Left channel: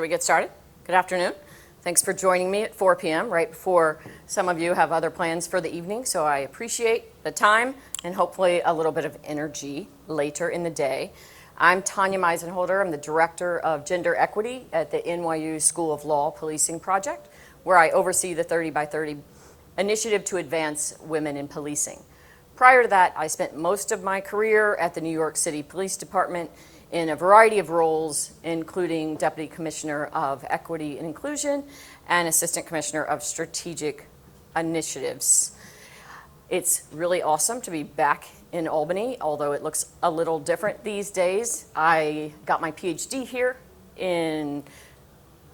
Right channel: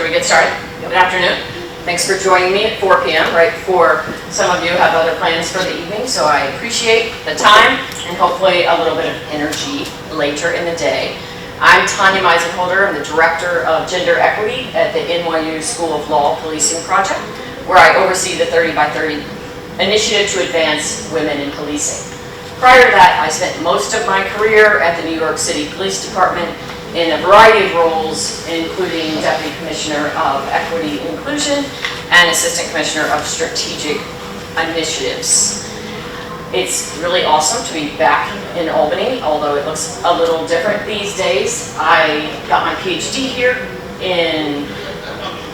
should we get started? Good afternoon. Thanks for joining me at 4 p.m. right before some of you have other plans for the evening, so I appreciate the time and hopefully a little bit of energy later in the day. I'm Tanya Meisenholder. I'm the Director of Gender Equity at the NYU School of Law Policing Project, where I oversee the 30 by 30 initiative to advance women in policing. Prior to that, I spent most of my career at the New York City Police Department in a variety of roles, including Deputy Commissioner of Equity and Inclusion and Assistant Commissioner of Strategic Initiatives. It's really awesome to be back in Albany, although it looks a little different these days. I got my PhD here in,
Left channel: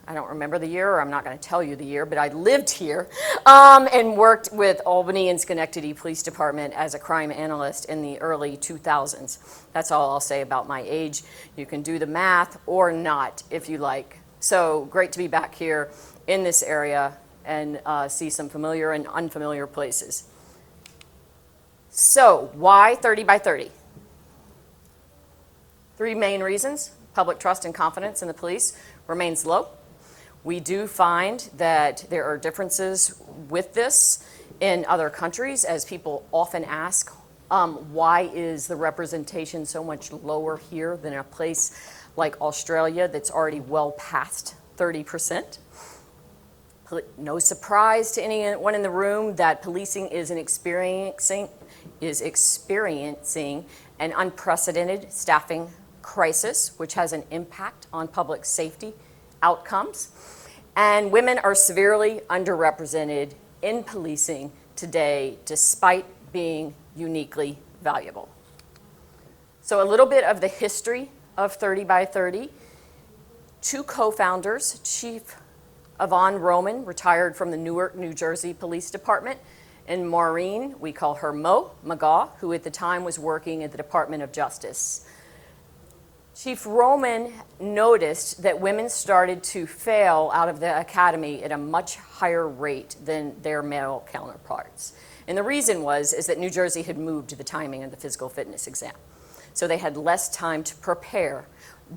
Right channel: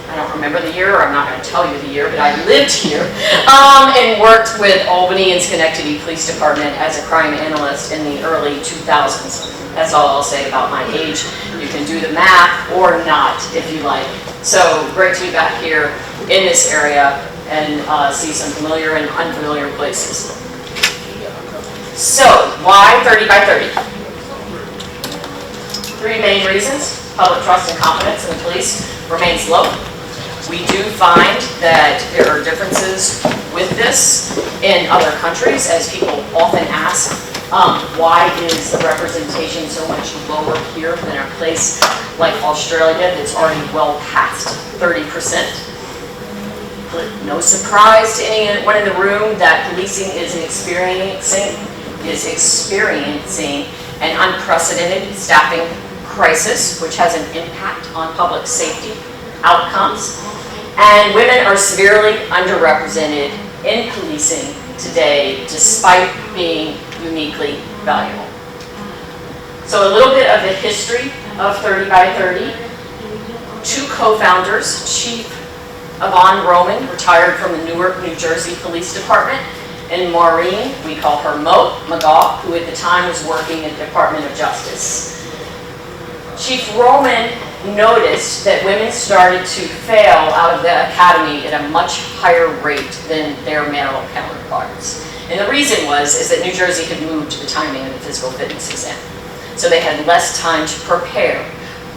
I don't remember the year, or I'm not going to tell you the year, but I lived here and worked with Albany and Schenectady Police Department as a crime analyst in the early 2000s. That's all I'll say about my age. You can do the math or not if you like. So great to be back here in this area and see some familiar and unfamiliar places. So why 30 by 30? Three main reasons. Public trust and confidence in the police remains low. We do find that there are differences with this in other countries, as people often ask, why is the representation so much lower here than a place like Australia that's already well past 30%? No surprise to anyone in the room that policing is experiencing an unprecedented staffing crisis, which has an impact on public safety outcomes. And women are severely underrepresented in policing today, despite being uniquely valuable. So a little bit of the history of 30 by 30. Two co-founders, Chief Yvonne Roman, retired from the Newark, New Jersey Police Department, and Maureen, we call her Mo McGaugh, who at the time was working at the Department of Justice. Chief Roman noticed that women started to fail out of the academy at a much higher rate than their male counterparts. And the reason is that New Jersey had moved the timing of the physical fitness exam. So they had less time to prepare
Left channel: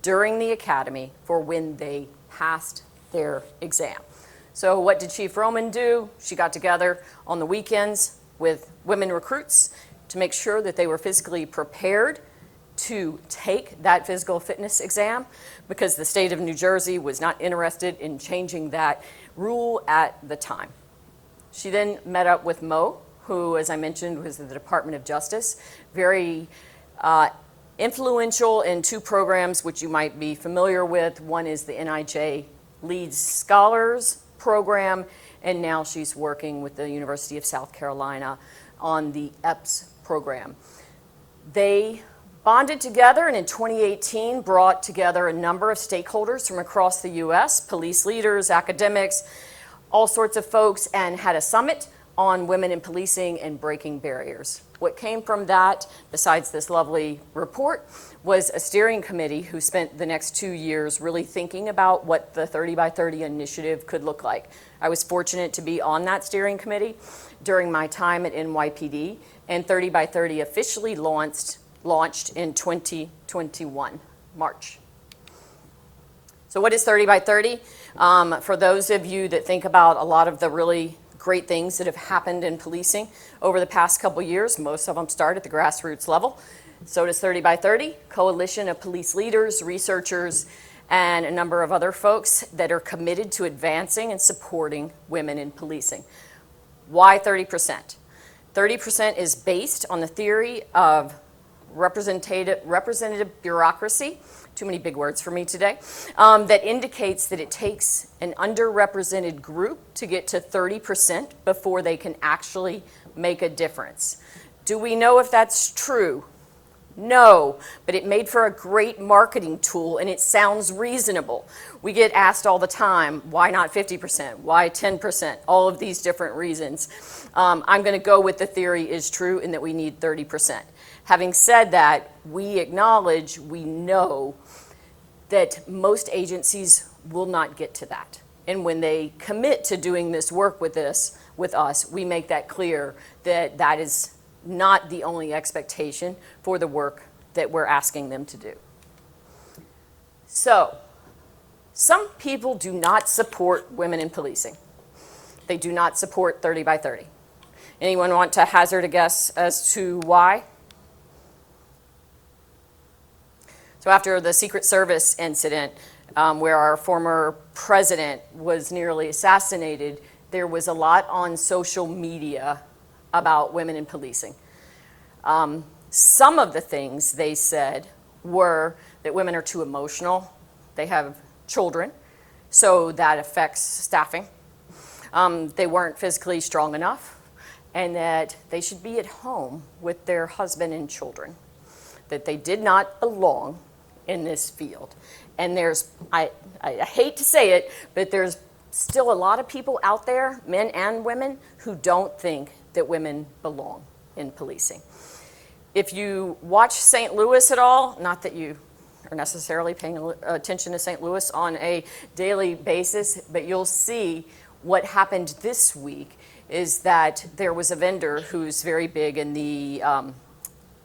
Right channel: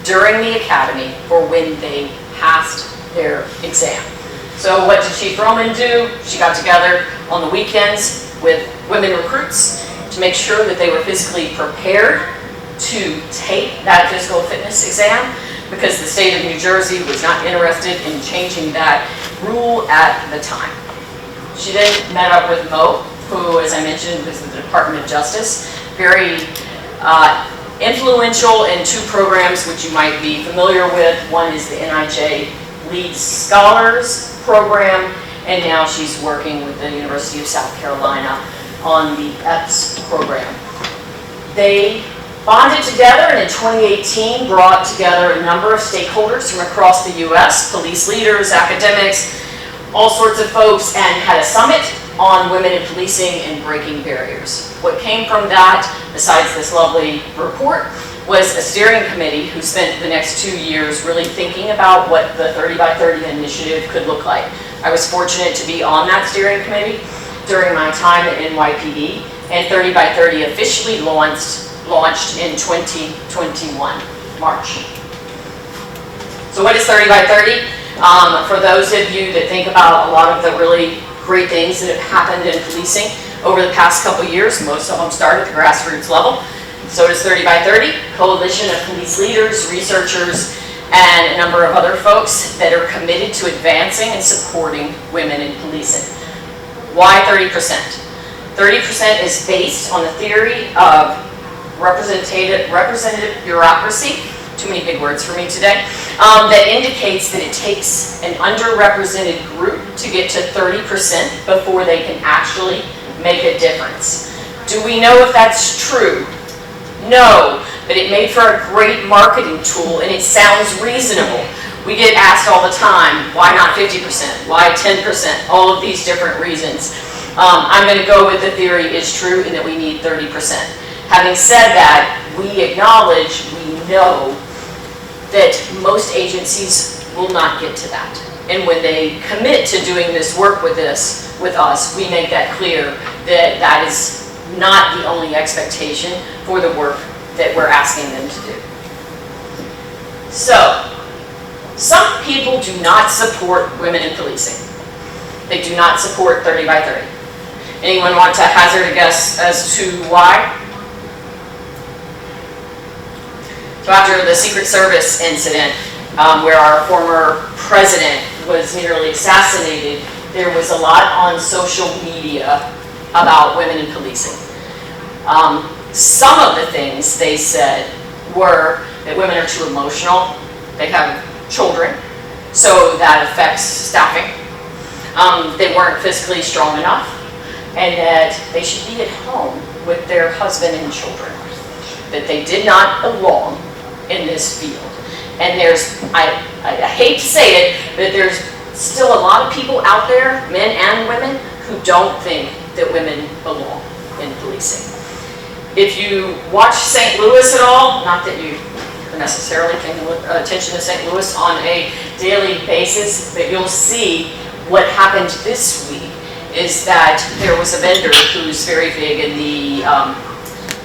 during the academy for when they passed their exam. So what did Chief Roman do? She got together on the weekends with women recruits to make sure that they were physically prepared to take that physical fitness exam, because the state of New Jersey was not interested in changing that rule at the time. She then met up with Mo, who, as I mentioned, was in the Department of Justice, very influential in two programs which you might be familiar with. One is the NIJ Lead Scholars Program, and now she's working with the University of South Carolina on the EPS program. They bonded together and in 2018 brought together a number of stakeholders from across the U.S., police leaders, academics, all sorts of folks, and had a summit on women in policing and breaking barriers. What came from that, besides this lovely report, was a steering committee who spent the next 2 years really thinking about what the 30 by 30 initiative could look like. I was fortunate to be on that steering committee during my time at NYPD, and 30 by 30 officially launched in 2021, March. So what is 30 by 30? For those of you that think about a lot of the really great things that have happened in policing over the past couple of years, most of them start at the grassroots level. So does 30 by 30, coalition of police leaders, researchers, and a number of other folks that are committed to advancing and supporting women in policing. Why 30%? 30% is based on the theory of representative bureaucracy, too many big words for me today, that indicates that it takes an underrepresented group to get to 30% before they can actually make a difference. Do we know if that's true? No, but it made for a great marketing tool, and it sounds reasonable. We get asked all the time, why not 50%? Why 10%? All of these different reasons. I'm going to go with the theory is true and that we need 30%. Having said that, we acknowledge, we know that most agencies will not get to that. And when they commit to doing this work with us, we make that clear that that is not the only expectation for the work that we're asking them to do. So, some people people do not support women in policing. They do not support 30 by 30. Anyone want to hazard a guess as to why? So after the Secret Service incident, where our former president was nearly assassinated, there was a lot on social media about women in policing. Some of the things they said were that women are too emotional, they have children, so that affects staffing. They weren't physically strong enough, and that they should be at home with their husband and children, that they did not belong in this field. And there's, I hate to say it, but there's still a lot of people out there, men and women, who don't think that women belong in policing. If you watch St. Louis at all, not that you are necessarily paying attention to St. Louis on a daily basis, but you'll see what happened this week is that there was a vendor who's very big in the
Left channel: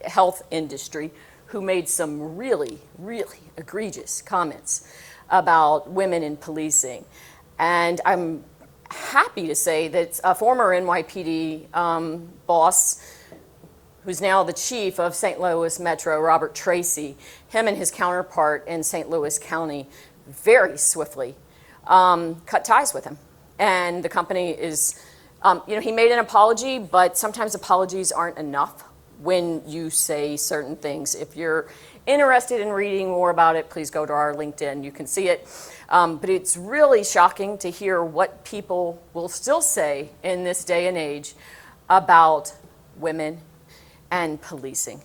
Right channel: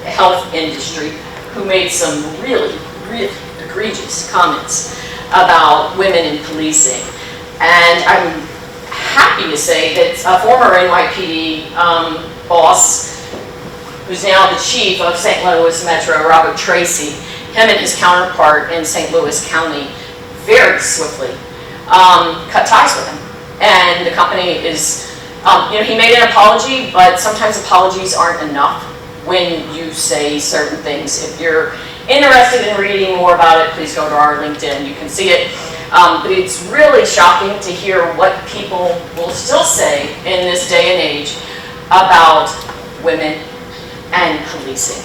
health industry who made some really, really egregious comments about women in policing. And I'm happy to say that a former NYPD boss, who's now the chief of St. Louis Metro, Robert Tracy, him and his counterpart in St. Louis County very swiftly cut ties with him. And the company is, he made an apology, but sometimes apologies aren't enough when you say certain things. If you're interested in reading more about it, please go to our LinkedIn. You can see it. But it's really shocking to hear what people will still say in this day and age about women and policing.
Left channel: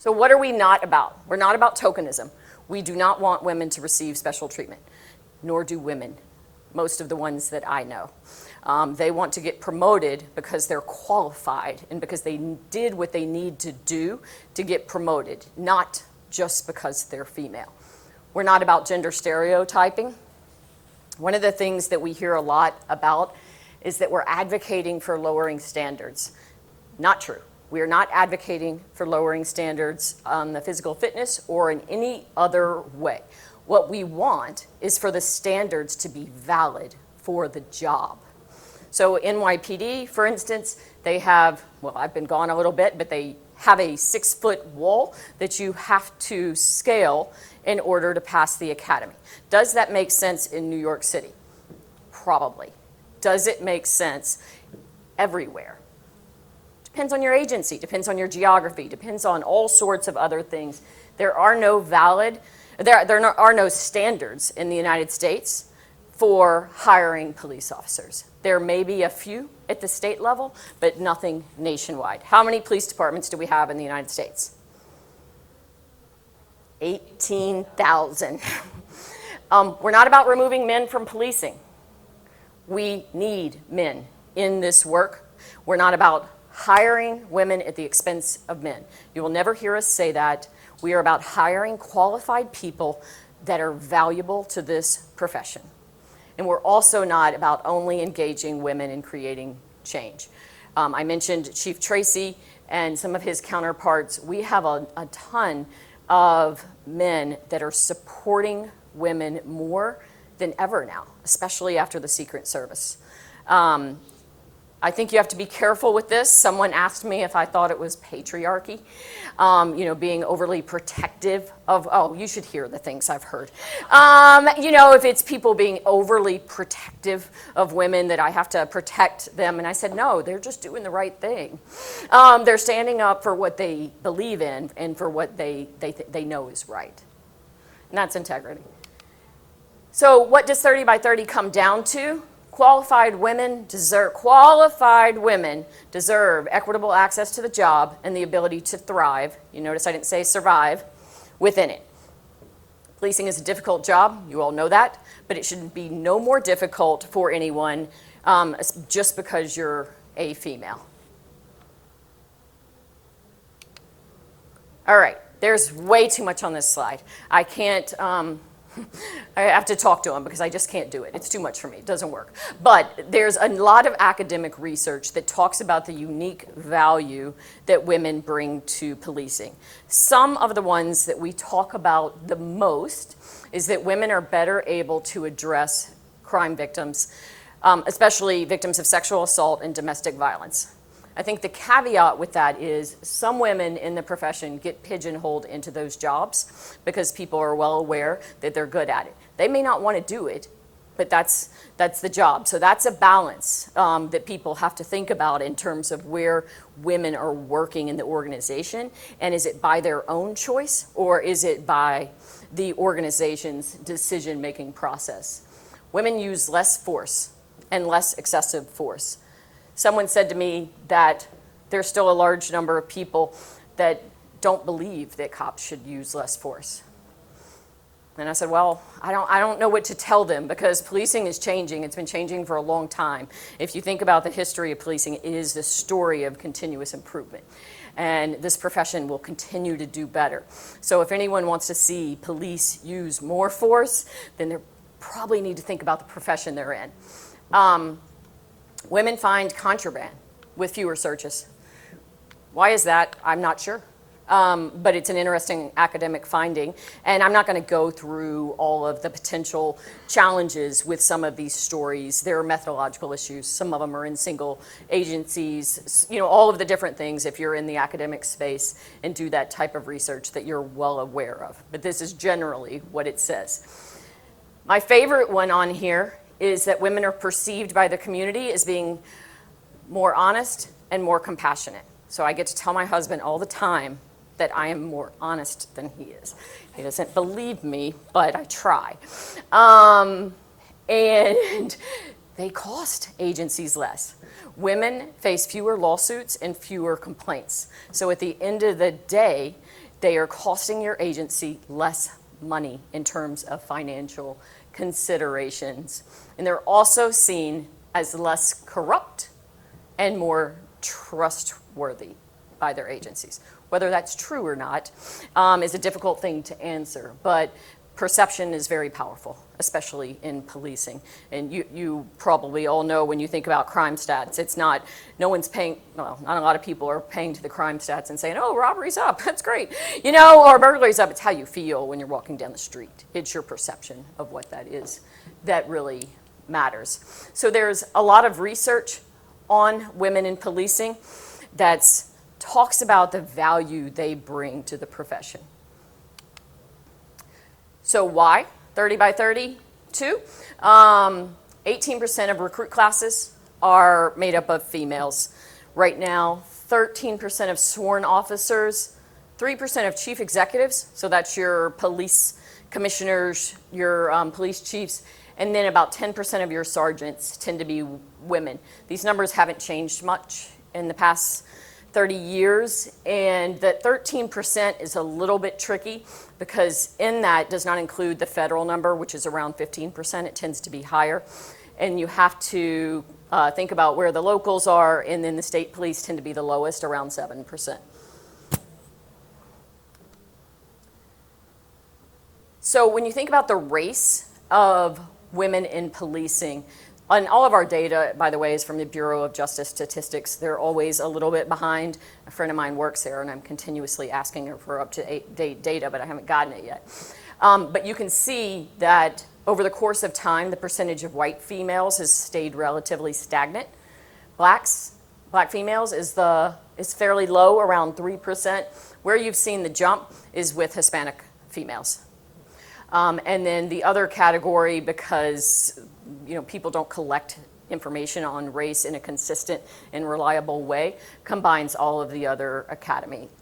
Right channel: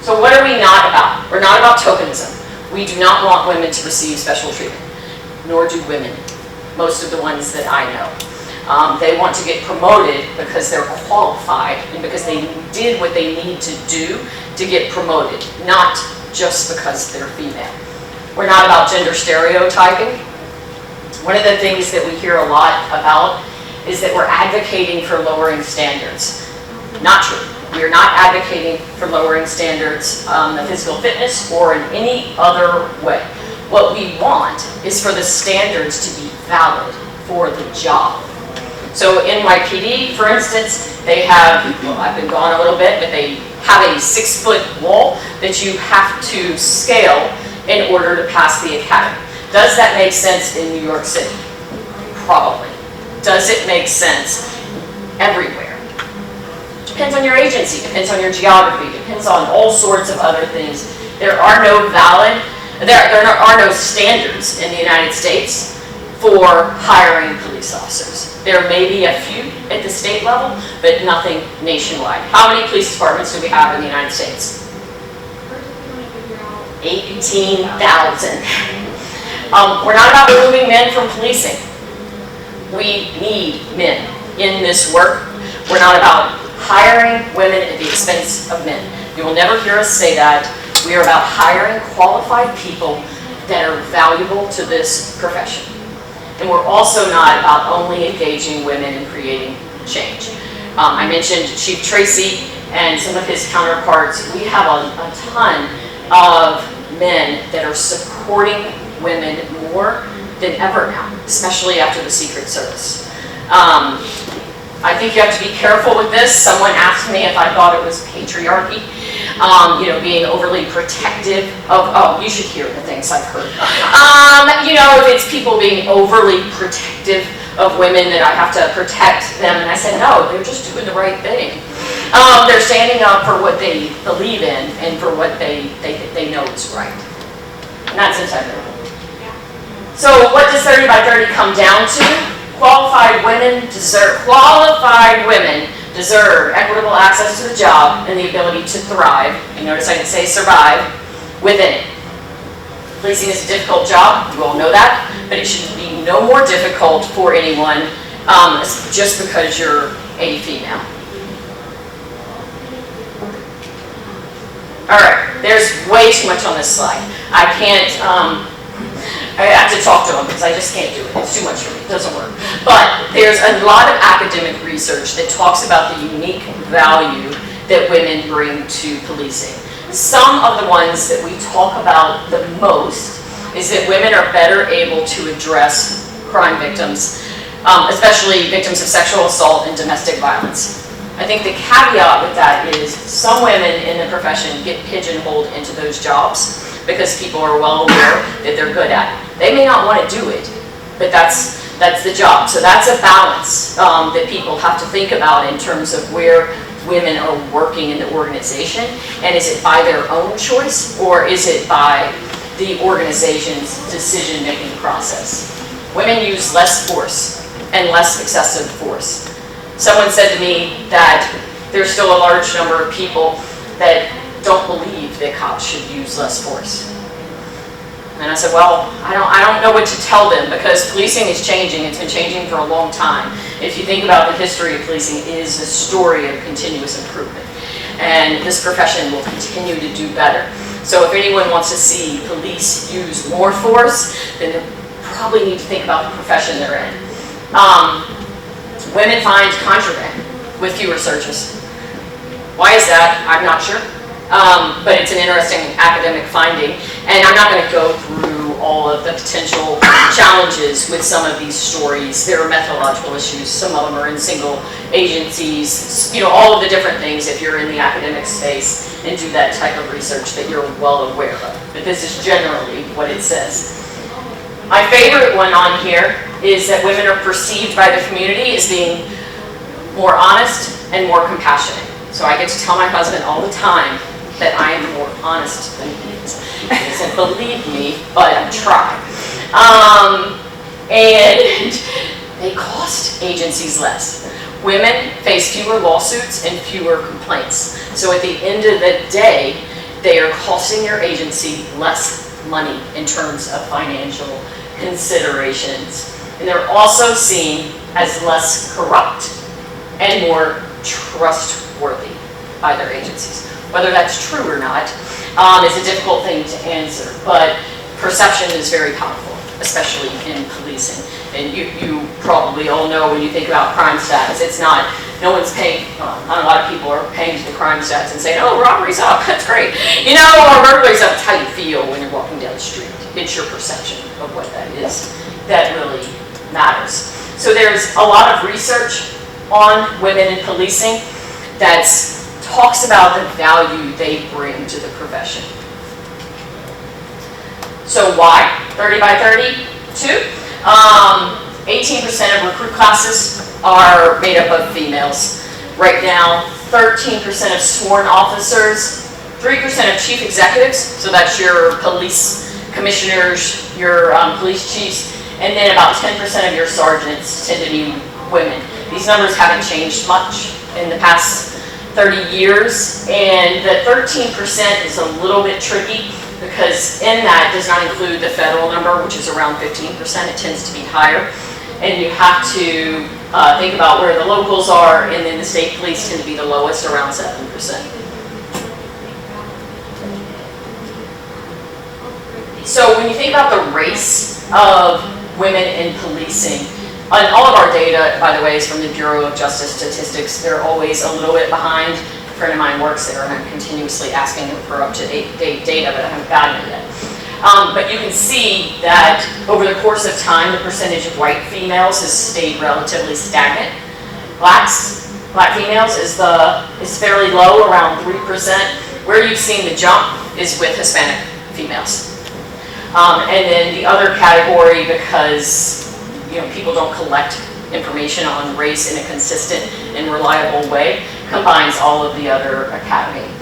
So what are we not about? We're not about tokenism. We do not want women to receive special treatment, nor do women, most of the ones that I know. They want to get promoted because they're qualified and because they did what they need to do to get promoted, not just because they're female. We're not about gender stereotyping. One of the things that we hear a lot about is that we're advocating for lowering standards. Not true. We are not advocating for lowering standards of physical fitness or in any other way. What we want is for the standards to be valid for the job. So NYPD, for instance, they have, well, I've been gone a little bit, but they have a 6-foot wall that you have to scale in order to pass the academy. Does that make sense in New York City? Probably. Does it make sense everywhere? Depends on your agency, depends on your geography, depends on all sorts of other things. There are no standards in the United States for hiring police officers. There may be a few at the state level, but nothing nationwide. How many police departments do we have in the United States? 18,000. We're not about removing men from policing. We need men in this work. We're not about hiring women at the expense of men. You will never hear us say that. We are about hiring qualified people that are valuable to this profession. And we're also not about only engaging women in creating change. I mentioned Chief Tracy and some of his counterparts. We have a ton of men that are supporting women more than ever now, especially after the Secret Service. I think you have to be careful with this. Someone asked me if I thought it was patriarchy, being overly protective of, oh, you should hear the things I've heard. If it's people being overly protective of women that I have to protect them, and I said, no, they're just doing the right thing. They're standing up for what they believe in and for what they know is right. And that's integrity. So what does 30 by 30 come down to? Qualified women deserve equitable access to the job and the ability to thrive. You notice I didn't say survive within it. Policing is a difficult job, you all know that, but it should be no more difficult for anyone just because you're a female. All right, there's way too much on this slide. I can't, I have to talk to them because I just can't do it. It's too much for me. It doesn't work. But there's a lot of academic research that talks about the unique value that women bring to policing. Some of the ones that we talk about the most is that women are better able to address crime victims, especially victims of sexual assault and domestic violence. I think the caveat with that is some women in the profession get pigeonholed into those jobs because people are well aware that they're good at it. They may not want to do it, but that's the job. So that's a balance that people have to think about in terms of where women are working in the organization, and is it by their own choice or is it by the organization's decision-making process? Women use less force and less excessive force. Someone said to me that there's still a large number of people that don't believe that cops should use less force. And I said, well, I don't know what to tell them, because policing is changing. It's been changing for a long time. If you think about the history of policing, it is a story of continuous improvement. And this profession will continue to do better. So if anyone wants to see police use more force, then they probably need to think about the profession they're in. Women find contraband with fewer searches. Why is that? I'm not sure. But it's an interesting academic finding, and I'm not going to go through all of the potential challenges with some of these stories. There are methodological issues. Some of them are in single agencies, all of the different things if you're in the academic space and do that type of research that you're well aware of. But this is generally what it says. My favorite one on here is that women are perceived by the community as being more honest and more compassionate. So I get to tell my husband all the time that I am more honest than he is. He doesn't believe me, but I try. And they cost agencies less. Women face fewer lawsuits and fewer complaints. So at the end of the day, they are costing your agency less money in terms of financial considerations. And they're also seen as less corrupt and more trustworthy by their agencies. Whether that's true or not is a difficult thing to answer, but perception is very powerful, especially in policing. And you probably all know when you think about crime stats, it's not, no one's paying, not a lot of people are paying to the crime stats and saying, oh, robbery's up, that's great. Or burglary's up. It's how you feel when you're walking down the street. It's your perception of what that is that really matters. So there's a lot of research on women in policing that talks about the value they bring to the profession. So why 30 by 32? 18% of recruit classes are made up of females. Right now, 13% of sworn officers, 3% of chief executives, so that's your police commissioners, your police chiefs, and then about 10% of your sergeants tend to be women. These numbers haven't changed much in the past 30 years, and the 13% is a little bit tricky because in that does not include the federal number, which is around 15%. It tends to be higher, and you have to think about where the locals are, and then the state police tend to be the lowest, around 7%. So when you think about the race of women in policing, and all of our data, by the way, is from the Bureau of Justice Statistics. They're always a little bit behind. A friend of mine works there, and I'm continuously asking him for up-to-date data, but I haven't gotten it yet. But you can see that over the course of time, the percentage of white females has stayed relatively stagnant. Black females is fairly low, around 3%. Where you've seen the jump is with Hispanic females. And then the other category, because people don't collect information on race in a consistent and reliable way, combines all of the other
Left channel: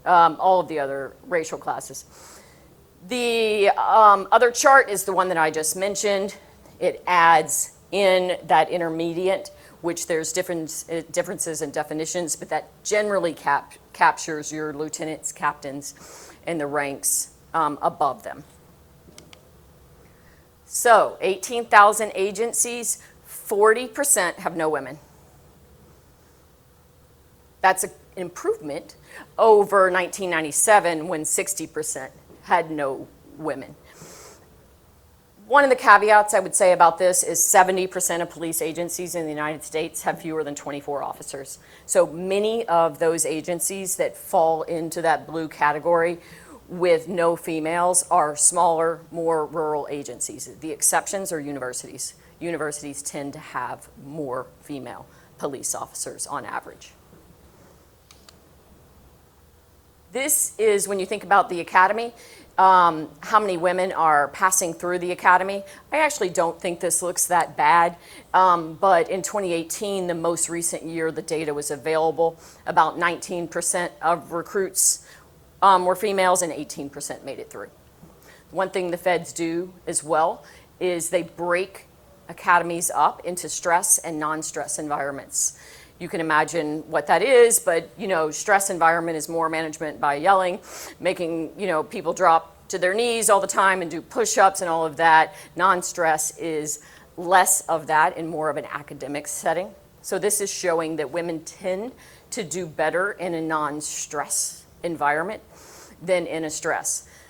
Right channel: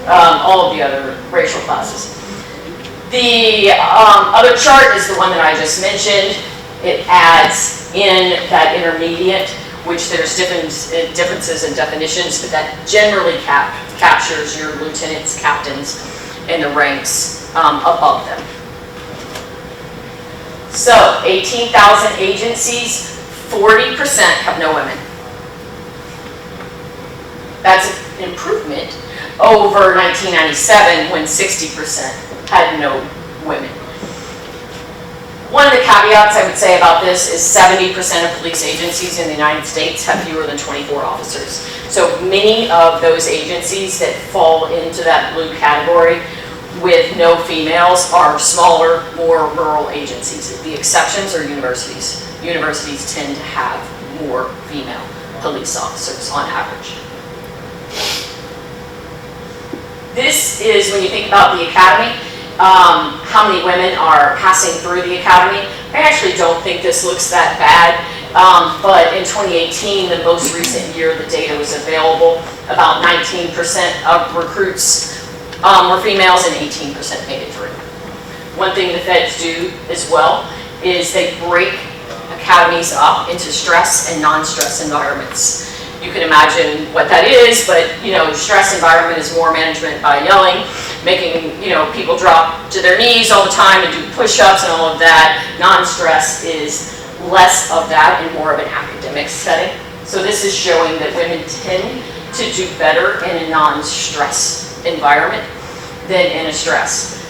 all of the other racial classes. The other chart is the one that I just mentioned. It adds in that intermediate, which there's differences in definitions, but that generally captures your lieutenants, captains, and the ranks above them. So, 18,000 agencies, 40% have no women. That's an improvement over 1997 when 60% had no women. One of the caveats I would say about this is 70% of police agencies in the United States have fewer than 24 officers. So many of those agencies that fall into that blue category with no females are smaller, more rural agencies. The exceptions are universities. Universities tend to have more female police officers on average. This is when you think about the academy, how many women are passing through the academy. I actually don't think this looks that bad, but in 2018, the most recent year the data was available, about 19% of recruits were females and 18% made it through. One thing the feds do as well is they break academies up into stress and non-stress environments. You can imagine what that is, but stress environment is more management by yelling, making people drop to their knees all the time and do push-ups and all of that. Non-stress is less of that and more of an academic setting. So this is showing that women tend to do better in a non-stress environment than in a stress.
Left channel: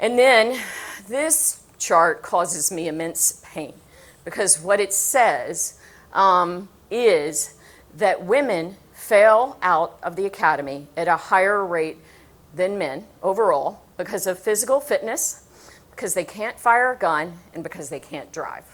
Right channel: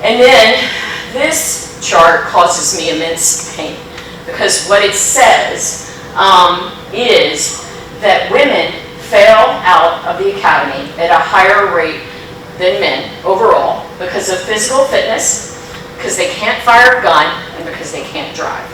And then this chart causes me immense pain, because what it says is that women fail out of the academy at a higher rate than men overall because of physical fitness, because they can't fire a gun, and because they can't drive.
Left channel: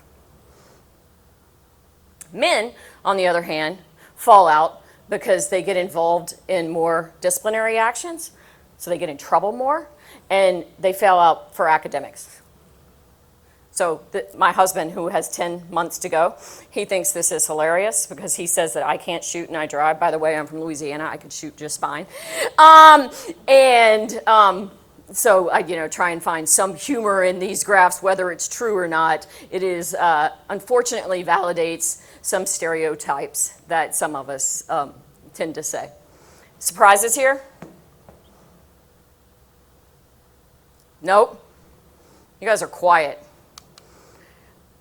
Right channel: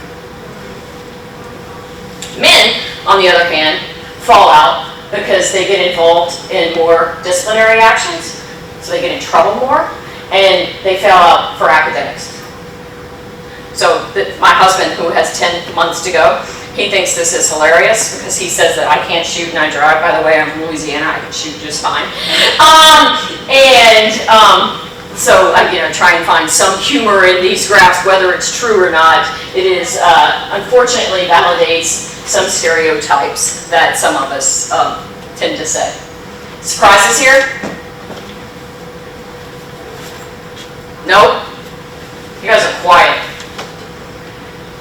Men, on the other hand, fall out because they get involved in more disciplinary actions, so they get in trouble more, and they fail out for academics. So my husband, who has 10 months to go, he thinks this is hilarious because he says that I can't shoot and I drive. By the way, I'm from Louisiana, I can shoot just fine. So I'm try and find some humor in these graphs, whether it's true or not. It is, unfortunately, validates some stereotypes that some of us tend to say. Surprises here? Nope. You guys are quiet.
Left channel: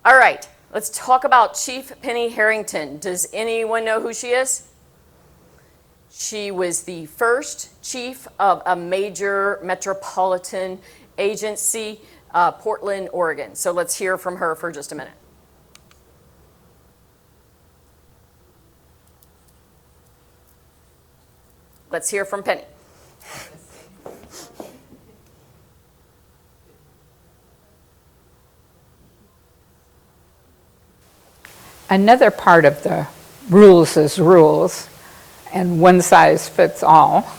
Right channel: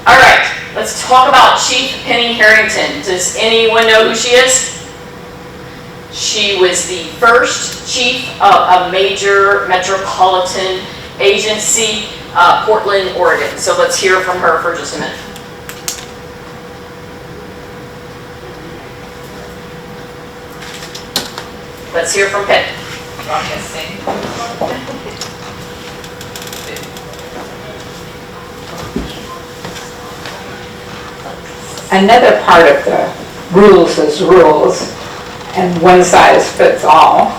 All right, let's talk about Chief Penny Harrington. Does anyone know who she is? She was the first chief of a major metropolitan agency, Portland, Oregon. So let's hear from her for just a minute. Let's hear from Penny. Another part of the rules is rules, and one size fits all,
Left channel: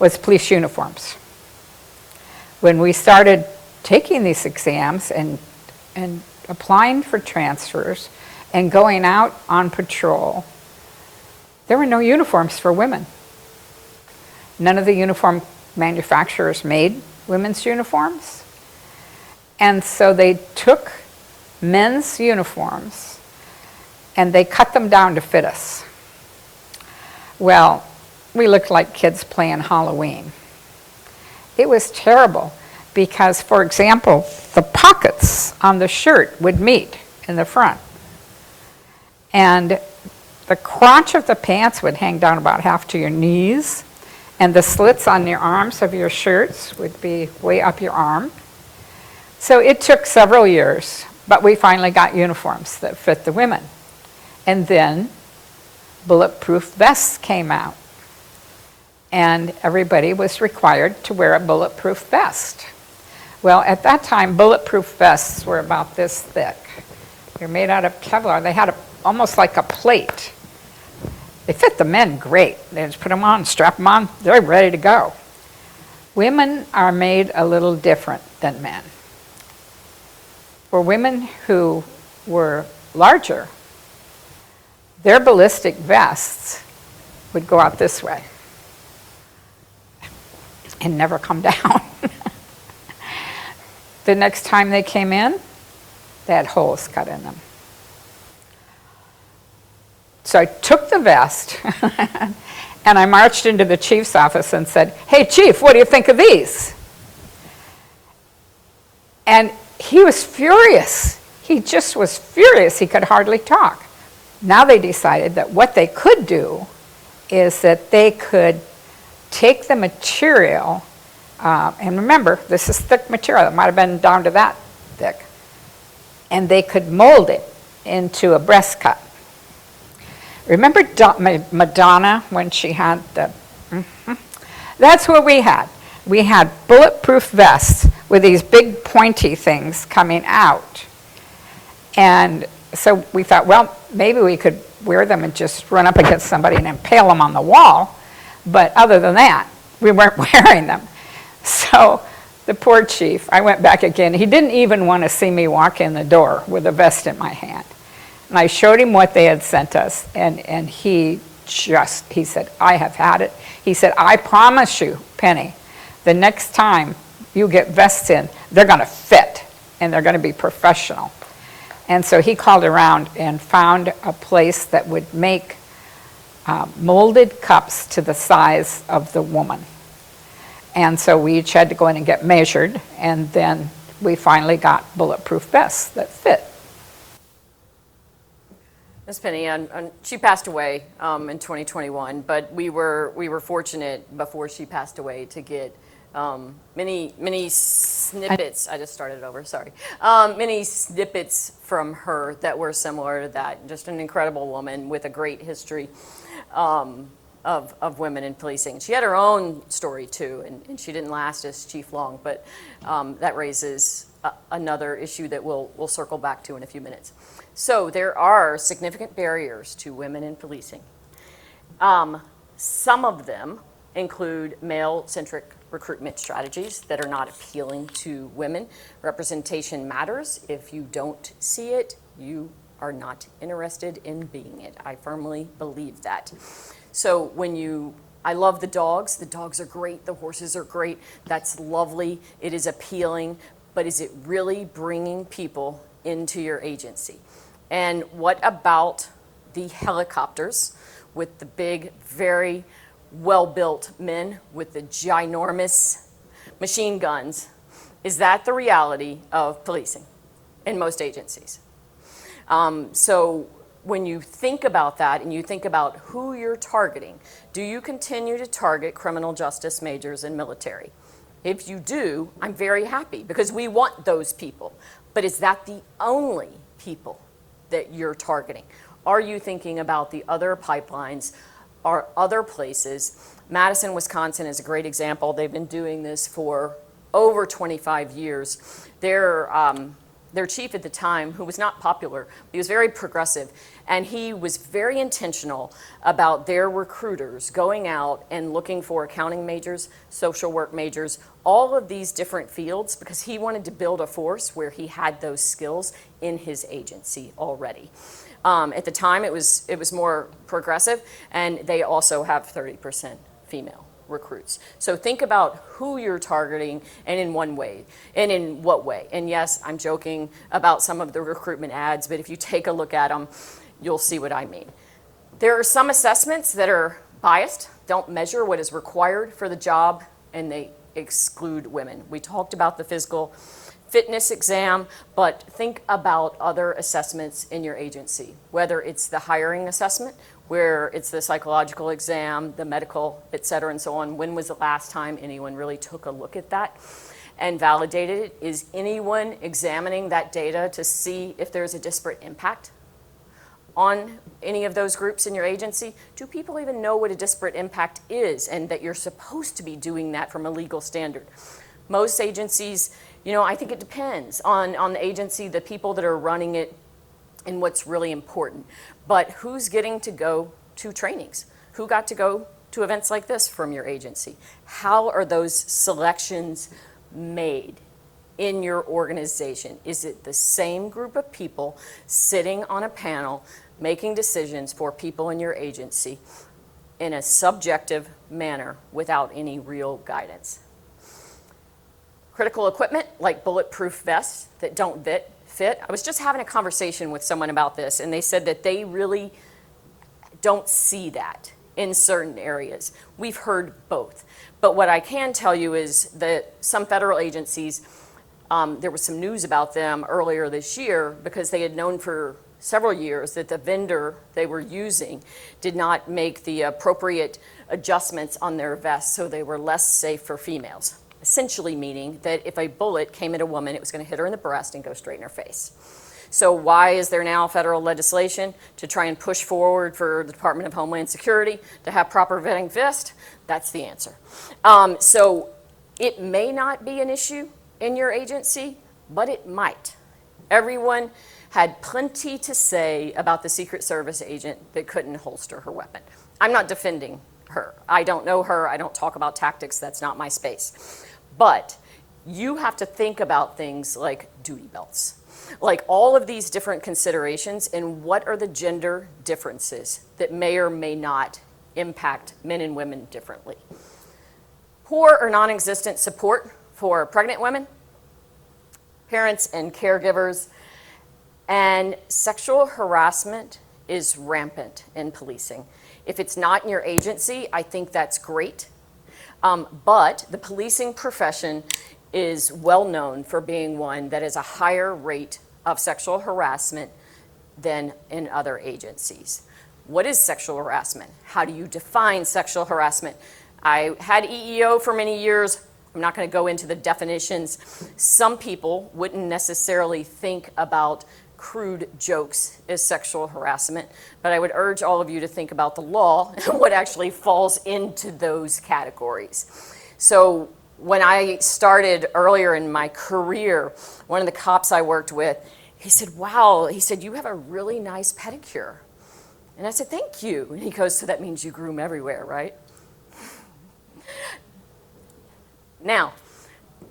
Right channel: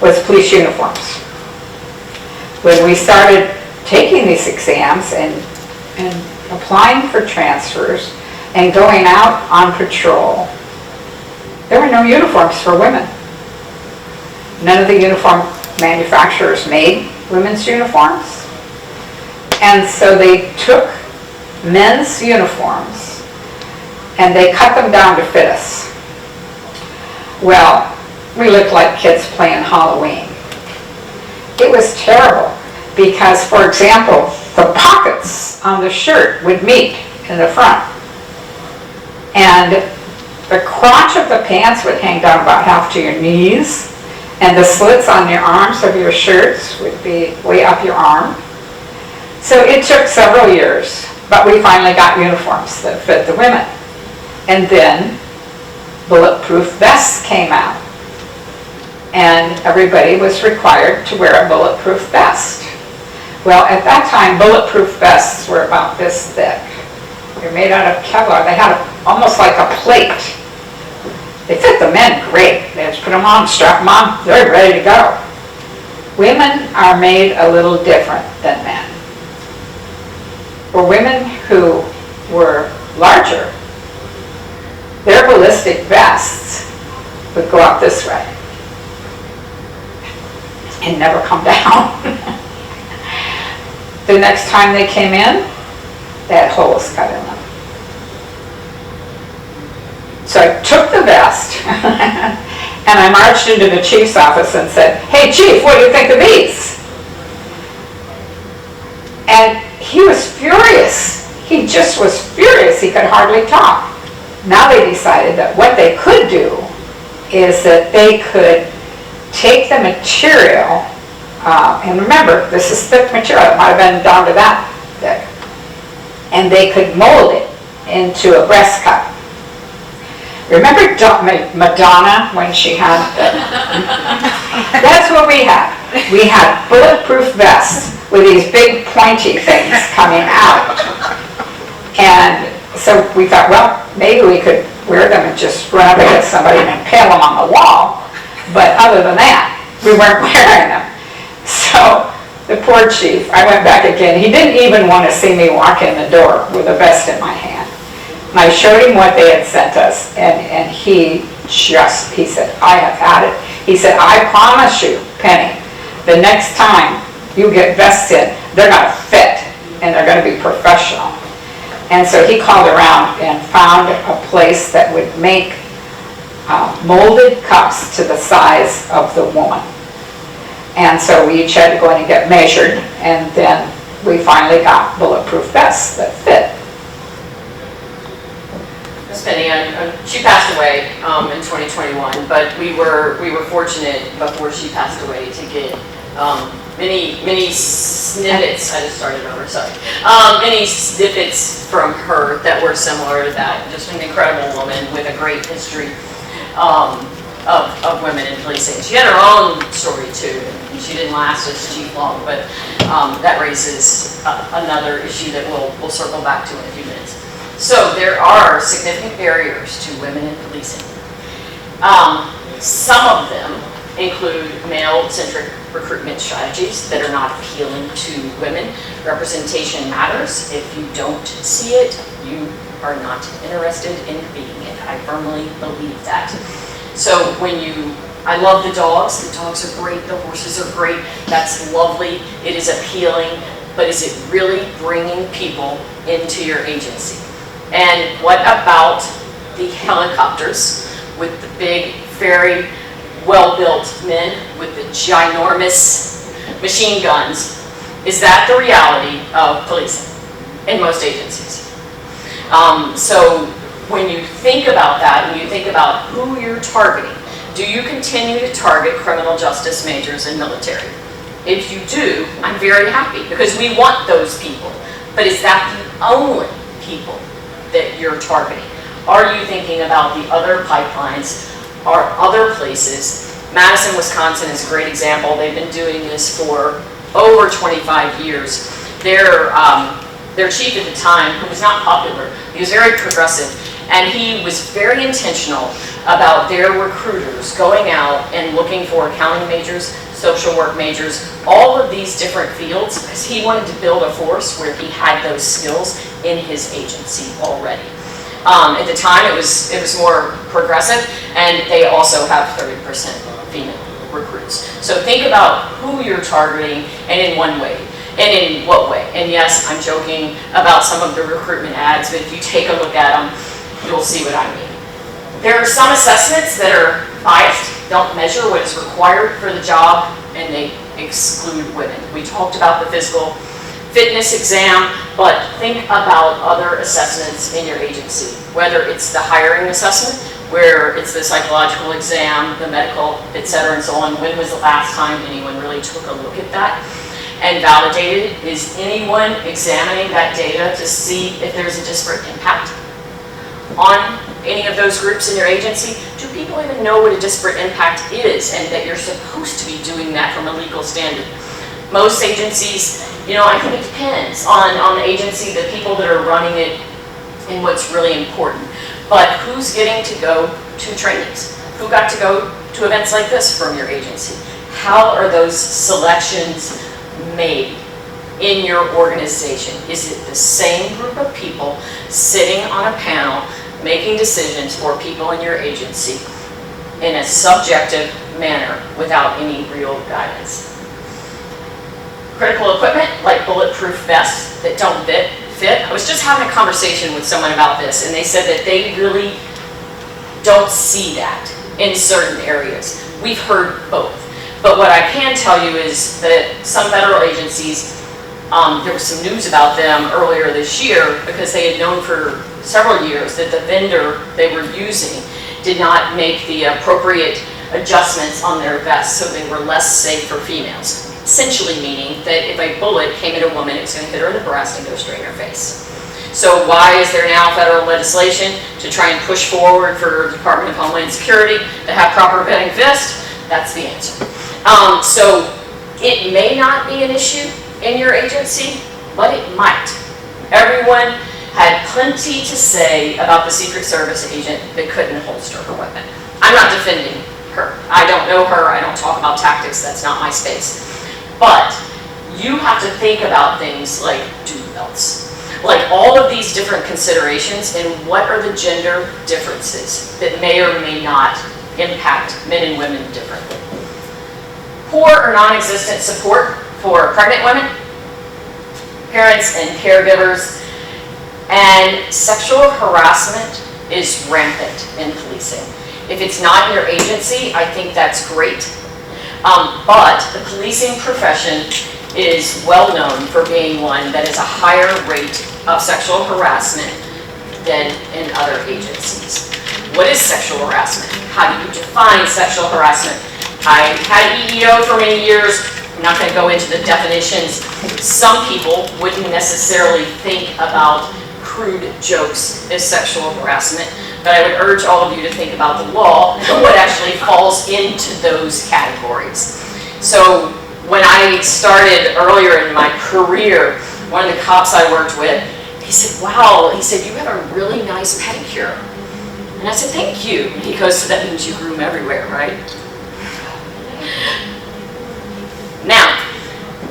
was police uniforms. When we started taking these exams and applying for transfers and going out on patrol, there were no uniforms for women. None of the uniform manufacturers made women's uniforms. And so they took men's uniforms and they cut them down to fit us. Well, we looked like kids playing Halloween. It was terrible because, for example, the pockets on the shirt would meet in the front, and the crotch of the pants would hang down about half to your knees, and the slits on your arms of your shirts would be way up your arm. So it took several years, but we finally got uniforms that fit the women. And then bulletproof vests came out, and everybody was required to wear a bulletproof vest. Well, at that time, bulletproof vests were about this thick. They're made out of Kevlar. They had almost like a plate. They fit the men great. They just put them on, strap them on, they're ready to go. Women are made a little different than men. For women who were larger, their ballistic vests would go up this way and never come down. The next time they came in, they had holes cut in them. So I took the vest and I marched into the chief's office and said, "Hey chief, what do you think of these?" And he was furious. He just was furious. He could hardly talk. Now they decided that what they could do is that they could take the material, and remember, this is thick material. It might have been down to that thick. And they could mold it into a breast cup. Remember Madonna when she had the... That's what we had. we had bulletproof vests with these big pointy things coming out. And so we thought, well, maybe we could wear them and just run up against somebody and impale them on the wall. But other than that, we weren't wearing them. So the poor chief, I went back again. He didn't even want to see me walk in the door with a vest in my hand. And I showed him what they had sent us, and he said, I have had it. He said, I promise you, Penny, the next time you get vests in, they're going to fit, and they're going to be professional. And so he called around and found a place that would make molded cups to the size of the woman. And so we each had to go in and get measured, and then we finally got bulletproof vests that fit. Miss Penny, she passed away in 2021, but we were fortunate before she passed away to get many snippets. I just started over, sorry. Many snippets from her that were similar to that. Just an incredible woman with a great history of women in policing. She had her own story too. She didn't last as chief long, but that raises another issue that we'll circle back to in a few minutes. So there are significant barriers to women in policing. Some of them include male-centric recruitment strategies that are not appealing to women. Representation matters. If you don't see it, you are not interested in being it. I firmly believe that. So I love the dogs are great, the horses are great, that's lovely, it is appealing, but is it really bringing people into your agency? And what about the helicopters with the big, very well-built men with the ginormous machine guns? Is that the reality of policing in most agencies? So when you think about that, and you think about who you're targeting, do you continue to target criminal justice majors and military? If you do, I'm very happy because we want those people. But is that the only people that you're targeting? Are you thinking about the other pipelines or other places? Madison, Wisconsin is a great example. They've been doing this for over 25 years. Their chief at the time, who was not popular, he was very progressive, and he was very intentional about their recruiters going out and looking for accounting majors, social work majors, all of these different fields, because he wanted to build a force where he had those skills in his agency already. At the time, it was more progressive, and they also have 30% female recruits. So think about who you're targeting and in one way. And in what way? And yes, I'm joking about some of the recruitment ads, but if you take a look at them, you'll see what I mean. There are some assessments that are biased, don't measure what is required for the job, and they exclude women. We talked about the physical fitness exam, but think about other assessments in your agency, whether it's the hiring assessment, where it's the psychological exam, the medical, et cetera, and so on. When was the last time anyone really took a look at that and validated it? Is anyone examining that data to see if there's a disparate impact on any of those groups in your agency? Do people even know what a disparate impact is and that you're supposed to be doing that from a legal standard? Most agencies, I think it depends on the agency, the people that are running it, and what's really important. But who's getting to go to trainings? Who got to go to events like this from your agency? How are those selections made in your organization? Is it the same group of people sitting on a panel making decisions for people in your agency in a subjective manner without any real guidance? Critical equipment like bulletproof vests that don't fit. I was just having a conversation with someone about this, and they said that they really don't see that in certain areas. We've heard both. But what I can tell you is that some federal agencies, there was some news about them earlier this year because they had known for several years that the vendor they were using did not make the appropriate adjustments on their vests, so they were less safe for females. Essentially meaning that if a bullet came at a woman, it was going to hit her in the breast and go straight in her face. So why is there now federal legislation to try and push forward for the Department of Homeland Security to have proper vetting vests? That's the answer. So It may not be an issue in your agency, but it might. Everyone had plenty to say about the Secret Service agent that couldn't holster her weapon. I'm not defending her. I don't know her. I don't talk about tactics. That's not my space. But you have to think about things like duty belts, like all of these different considerations, and what are the gender differences that may or may not impact men and women differently. Poor or non-existent support for pregnant women, parents and caregivers, and sexual harassment is rampant in policing. If it's not in your agency, I think that's great. But the policing profession is well known for being one that is a higher rate of sexual harassment than in other agencies. What is sexual harassment? How do you define sexual harassment? I had EEO for many years. I'm not going to go into the definitions. Some people wouldn't necessarily think about crude jokes as sexual harassment, but I would urge all of you to think about the law and what actually falls into those categories. So when I started earlier in my career, one of the cops I worked with, he said, wow, he said, you have a really nice pedicure. And I said, thank you. And he goes, so that means you groom everywhere, right? Now,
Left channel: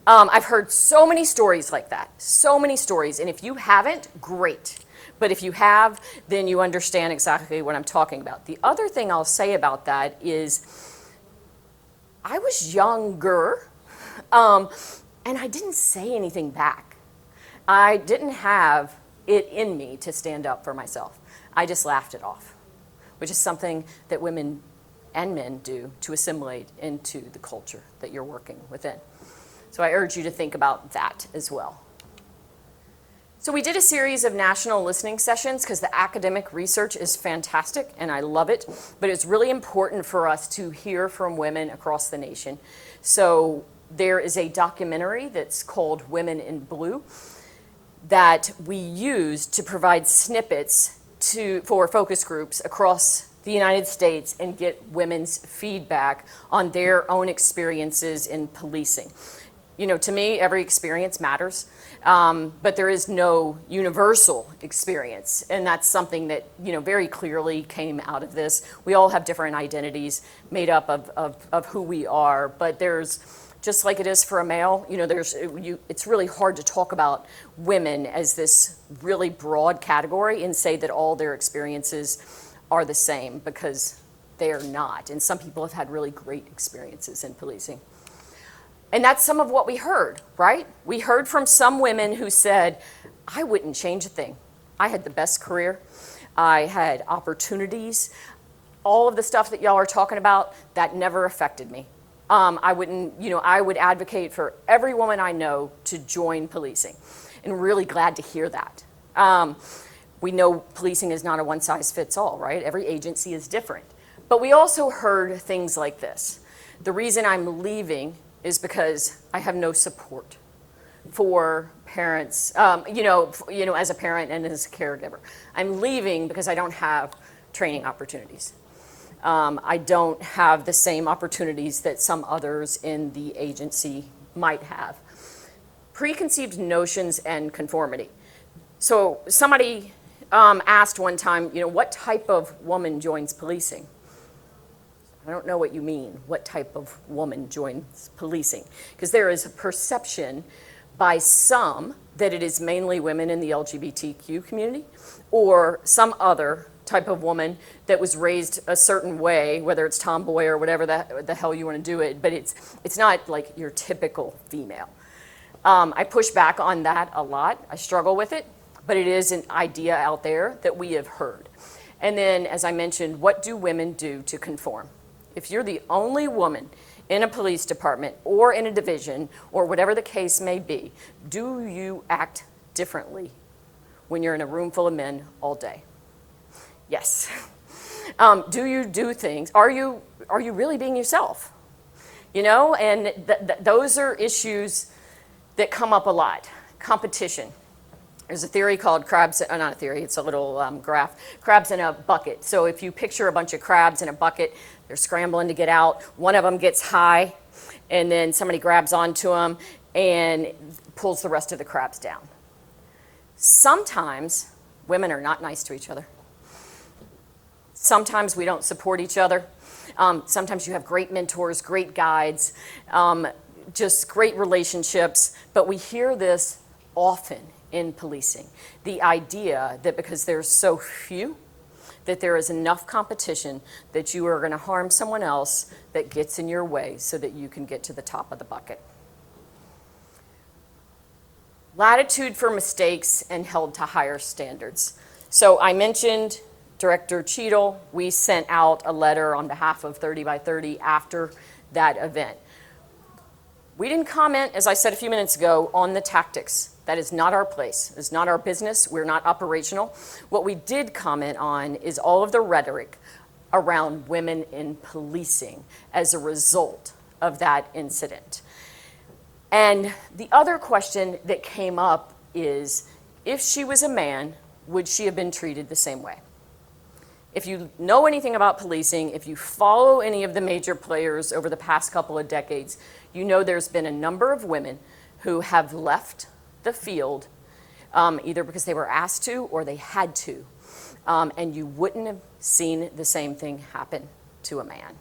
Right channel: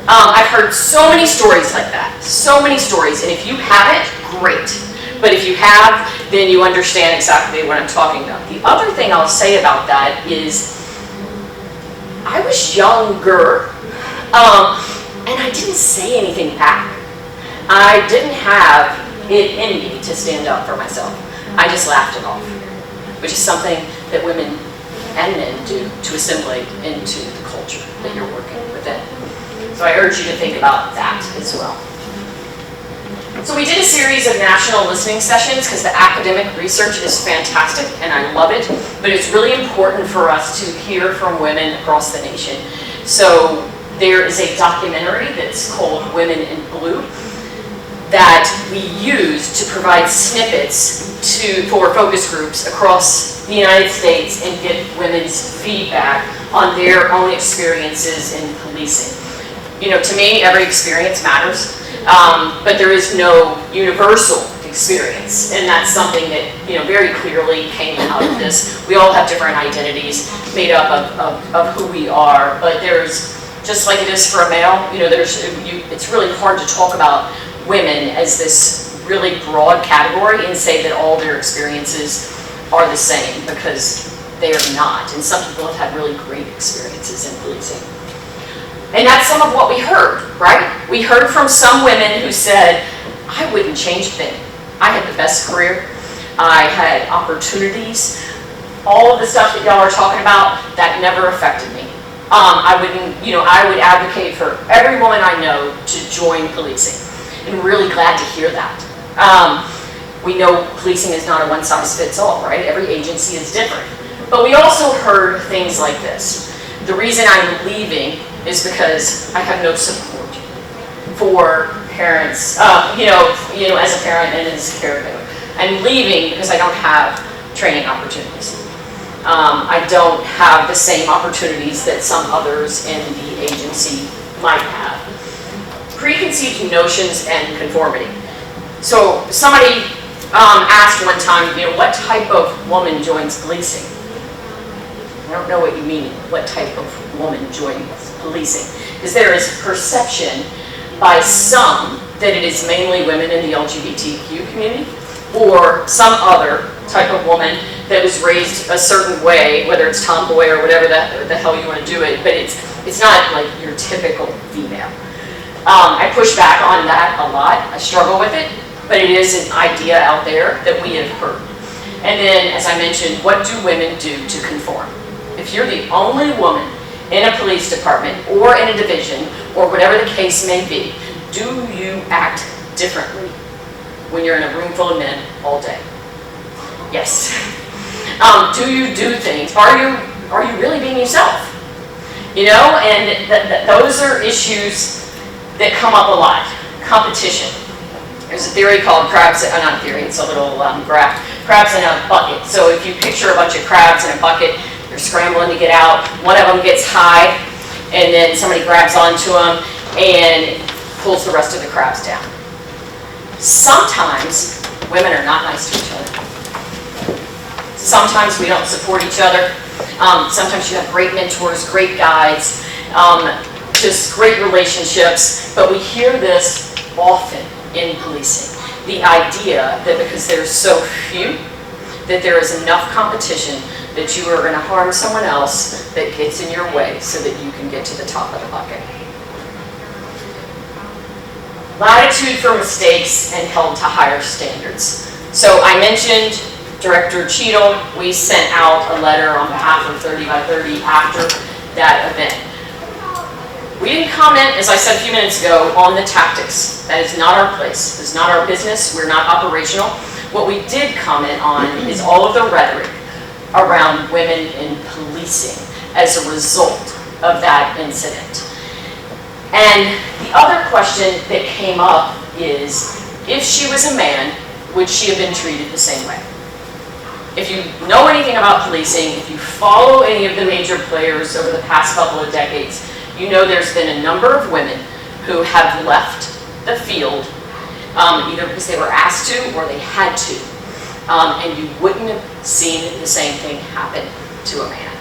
I've heard so many stories like that, so many stories, and if you haven't, great. But if you have, then you understand exactly what I'm talking about. The other thing I'll say about that is, I was younger, and I didn't say anything back. I didn't have it in me to stand up for myself. I just laughed it off, which is something that women and men do to assimilate into the culture that you're working within. So I urge you to think about that as well. So we did a series of national listening sessions because the academic research is fantastic and I love it, but it's really important for us to hear from women across the nation. So there is a documentary that's called Women in Blue that we use to provide snippets for focus groups across the United States and get women's feedback on their own experiences in policing. You know, to me, every experience matters. But there is no universal experience, and that's something that, you know, very clearly came out of this. We all have different identities made up of who we are, but there's, just like it is for a male, you know, it's really hard to talk about women as this really broad category and say that all their experiences are the same, because they are not, and some people have had really great experiences in policing. And that's some of what we heard, right? We heard from some women who said, I wouldn't change a thing. I had the best career. I had opportunities. All of the stuff that y'all are talking about, that never affected me. I would advocate for every woman I know to join policing. And really glad to hear that. We know policing is not a one-size-fits-all, right? Every agency is different. But we also heard things like this. The reason I'm leaving is because I have no support for parents, as a parent and as a caregiver. I'm leaving because I don't have training opportunities. I don't have the same opportunities that some others in the agency might have. Preconceived notions and conformity. So somebody asked one time, what type of woman joins policing? I don't know what you mean, what type of woman joins policing. Because there is perception by some that it is mainly women in the LGBTQ community, or some other type of woman that was raised a certain way, whether it's tomboy or whatever the hell you want to do it, but it's not like your typical female. I push back on that a lot. I struggle with it, but it is an idea out there that we have heard. And then, as I mentioned, what do women do to conform? If you're the only woman in a police department or in a division or whatever the case may be, do you act differently when you're in a room full of men all day? Yes. Do you do things? Are you really being yourself? And those are issues that come up a lot. Competition. There's a theory called crabs, not a theory, it's a little graph. Crabs in a bucket. So if you picture a bunch of crabs in a bucket, they're scrambling to get out. One of them gets high. and then somebody grabs onto them and pulls the rest of the crabs down. Sometimes women are not nice to each other. Sometimes we don't support each other. Sometimes you have great mentors, great guides, just great relationships, but we hear this often in policing. The idea that because there's so few, that there is enough competition that you are going to harm someone else that gets in your way so that you can get to the top of the bucket. Latitude for mistakes and held to higher standards. So I mentioned Director Cheadle. We sent out a letter on behalf of 30 by 30 after that event. We didn't comment, as I said a few minutes ago, on the tactics. That is not our place. It's not our business. We're not operational. What we did comment on is all of the rhetoric around women in policing as a result of that incident. And the other question that came up is, if she was a man, would she have been treated the same way? If you know anything about policing, if you follow any of the major players over the past couple of decades, you know there's been a number of women who have left the field either because they were asked to or they had to. And you wouldn't have seen the same thing happen to a man.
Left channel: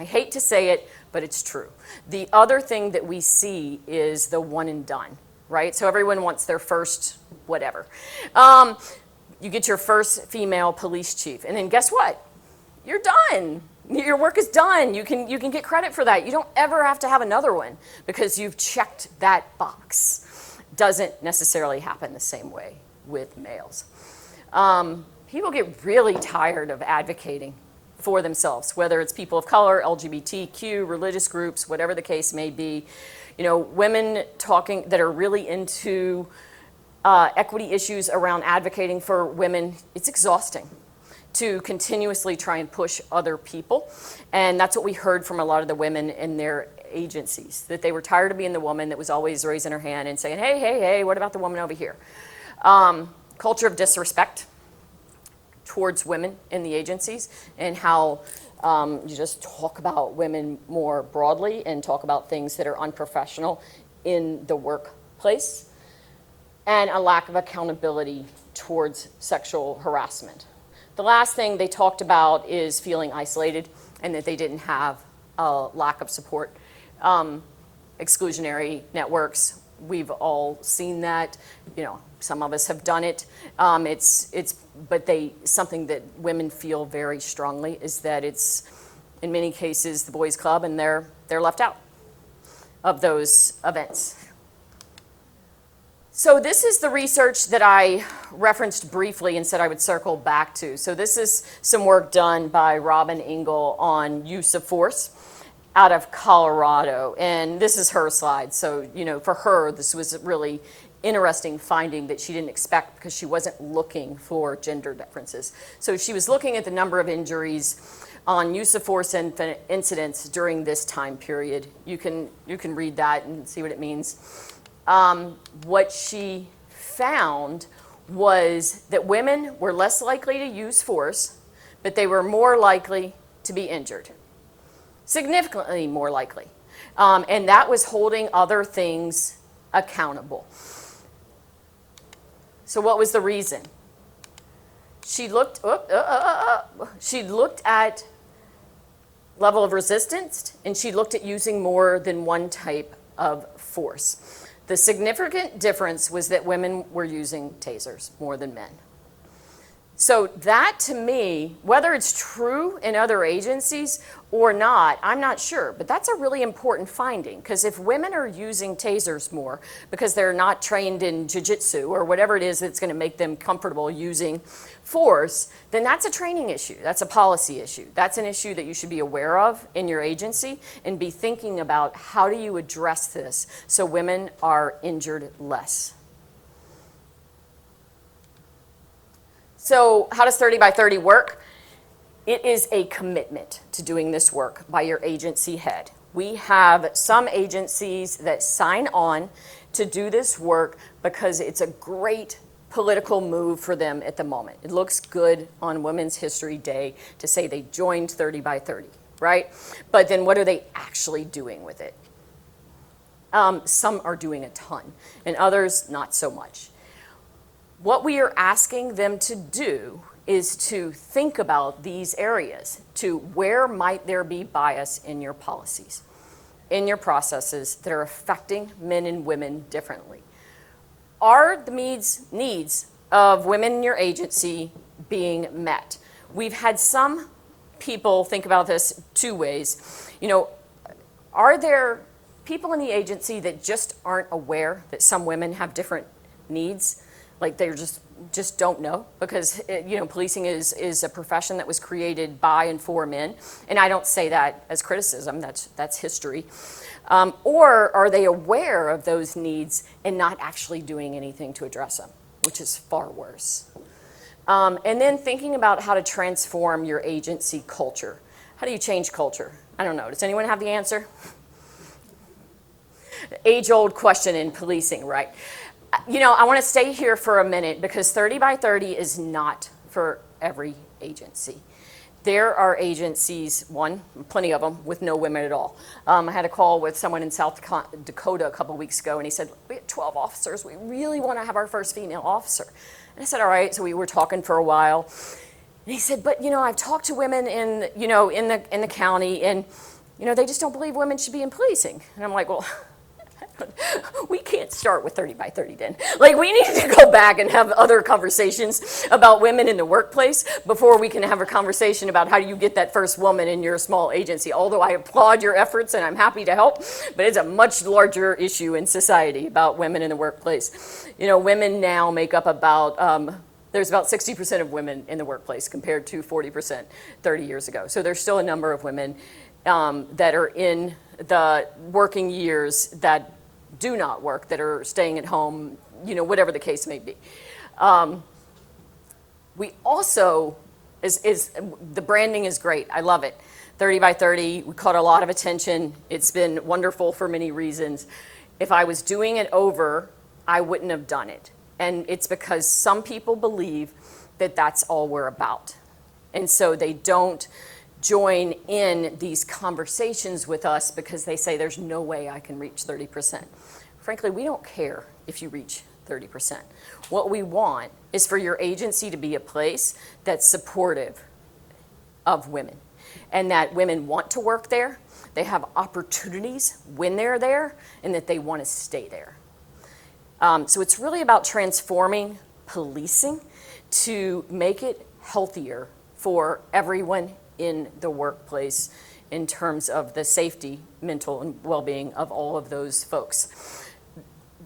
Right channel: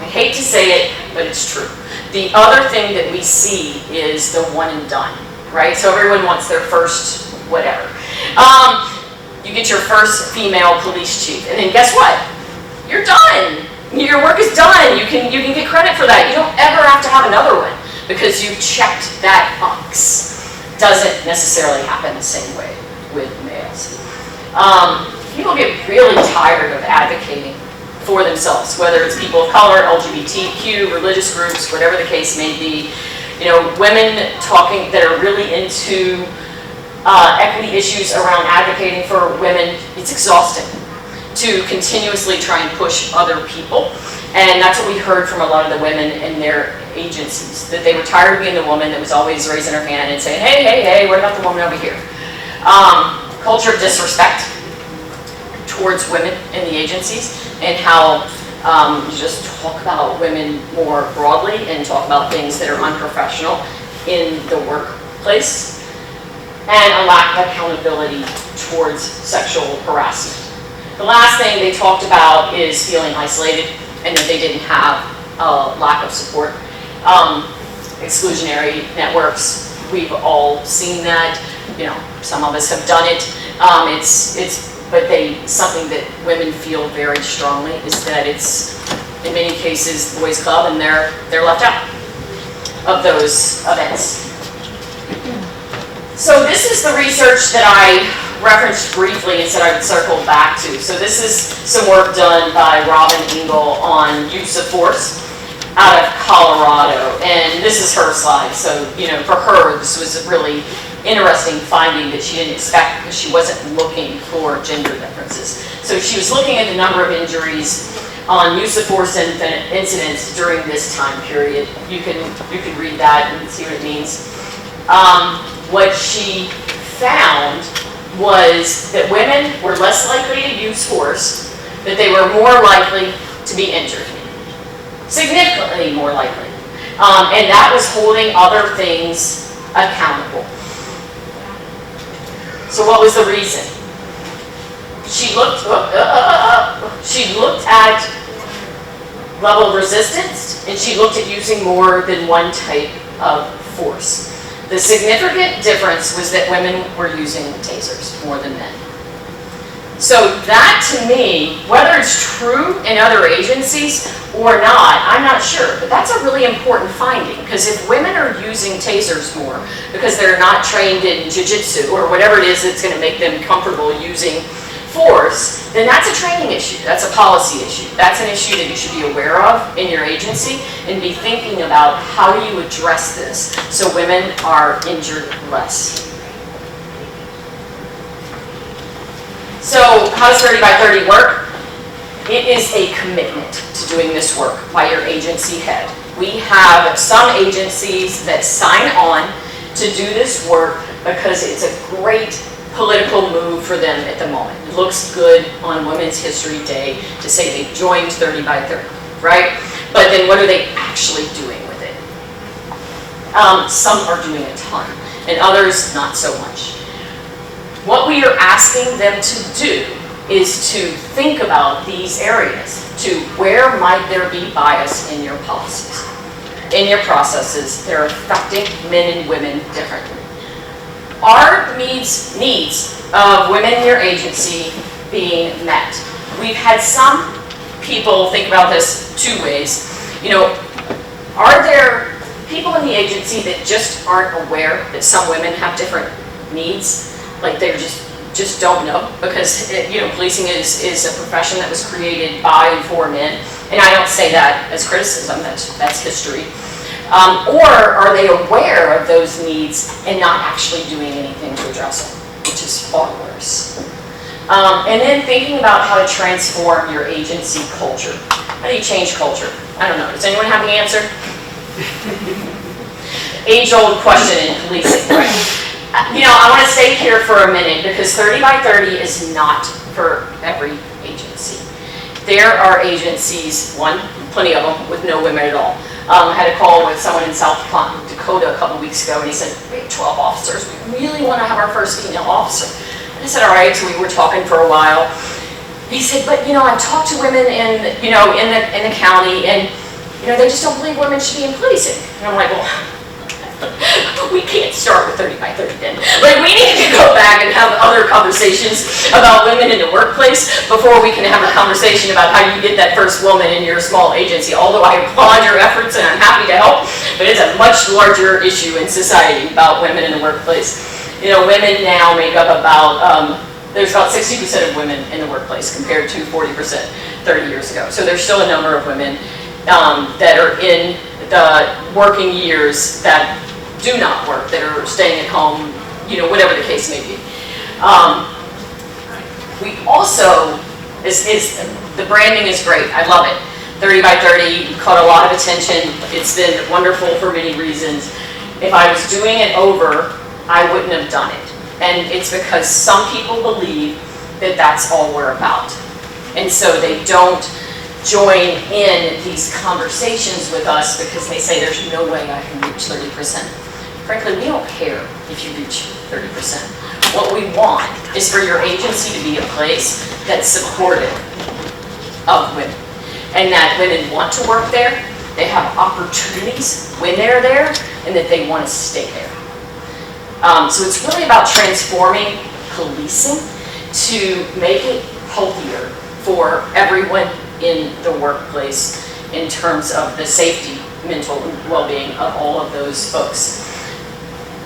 I hate to say it, but it's true. The other thing that we see is the one and done, right? So everyone wants their first whatever. You get your first female police chief, and then guess what? You're done. Your work is done. You can get credit for that. You don't ever have to have another one because you checked that box. Doesn't necessarily happen the same way with males. People get really tired of advocating for themselves, whether it's people of color, LGBTQ, religious groups, whatever the case may be. You know, women talking that are really into equity issues around advocating for women, it's exhausting to continuously try and push other people. And that's what we heard from a lot of the women in their agencies, that they were tired of being the woman that was always raising her hand and saying, hey, hey, hey, what about the woman over here? Culture of disrespect towards women in the agencies, and how you just talk about women more broadly and talk about things that are unprofessional in the workplace, and a lack of accountability towards sexual harassment. The last thing they talked about is feeling isolated and that they didn't have a lack of support. Exclusionary networks, we've all seen that. You know, some of us have done it. But something that women feel very strongly is that it's, in many cases, boys' club, and they're left out of those events. So this is the research that I referenced briefly and said I would circle back to. So this is some work done by Robin Engel on use of force out of Colorado, and this is her slide. So, you know, for her, this was a really interesting finding that she didn't expect because she wasn't looking for gender differences. So she was looking at the number of injuries on use of force incidents during this time period. You can read that and see what it means. What she found was that women were less likely to use force, that they were more likely to be injured, significantly more likely. And that was holding other things accountable. So what was the reason? She looked at level of resistance, and she looked at using more than one type of force. The significant difference was that women were using tasers more than men. So that, to me, whether it's true in other agencies or not, I'm not sure, but that's a really important finding, because if women are using tasers more because they're not trained in jiu-jitsu or whatever it is that's going to make them comfortable using force, then that's a training issue, that's a policy issue. That's an issue that you should be aware of in your agency and be thinking about how do you address this so women are injured less. So how does 30 by 30 work? It is a commitment to doing this work by your agency head. We have some agencies that sign on to do this work because it's a great political move for them at the moment. It looks good on Women's History Day to say they joined 30 by 30, right? But then what are they actually doing with it? Some are doing a ton, and others not so much. What we are asking them to do is to think about these areas, to where might there be bias in your policies, in your processes that are affecting men and women differently. Are needs of women in your agency being met? We've had some people think about this two ways. You know, are there people in the agency that just aren't aware that some women have different needs? Like they just don't know, because you know, policing is a profession that was created by and for men, and I don't say that as criticism, that's history. Or are they aware of those needs and not actually doing anything to address them, which is far worse. And then thinking about how to transform your agency culture. How do you change culture? I don't know. Does anyone have the answer? Age-old question in policing, right? You know, I want to stay here for a minute, because 30 by 30 is not for every agency. There are agencies, plenty of them, with no women at all. I had a call with someone in South Dakota a couple weeks ago, and he said, we have 12 officers. We really want to have our first female officer. I said, all right, so we were talking for a while. And he said, but you know, I've talked to women in the county, and you know, they just don't believe women should be in policing. And I'm like, well, we can't start with 30 by 30 then. Like, we need to go back and have other conversations about women in the workplace before we can have a conversation about how you get that first woman in your small agency. Although I applaud your efforts and I'm happy to help, but it's a much larger issue in society about women in the workplace. You know, women now make up about, there's about 60% of women in the workplace compared to 40% 30 years ago. So there's still a number of women that are in the working years that do not work, that are staying at home, you know, whatever the case may be. We also, the branding is great, I love it. 30 by 30 caught a lot of attention. It's been wonderful for many reasons. If I was doing it over, I wouldn't have done it. And it's because some people believe that that's all we're about. And so they don't join in these conversations with us because they say there's no way I can reach 30%. Frankly, we don't care if you reach 30%. What we want is for your agency to be a place that's supportive of women, and that women want to work there, they have opportunities when they're there, and that they want to stay there. So it's really about transforming policing to make it healthier for everyone in the workplace in terms of the safety, mental well-being of all of those folks.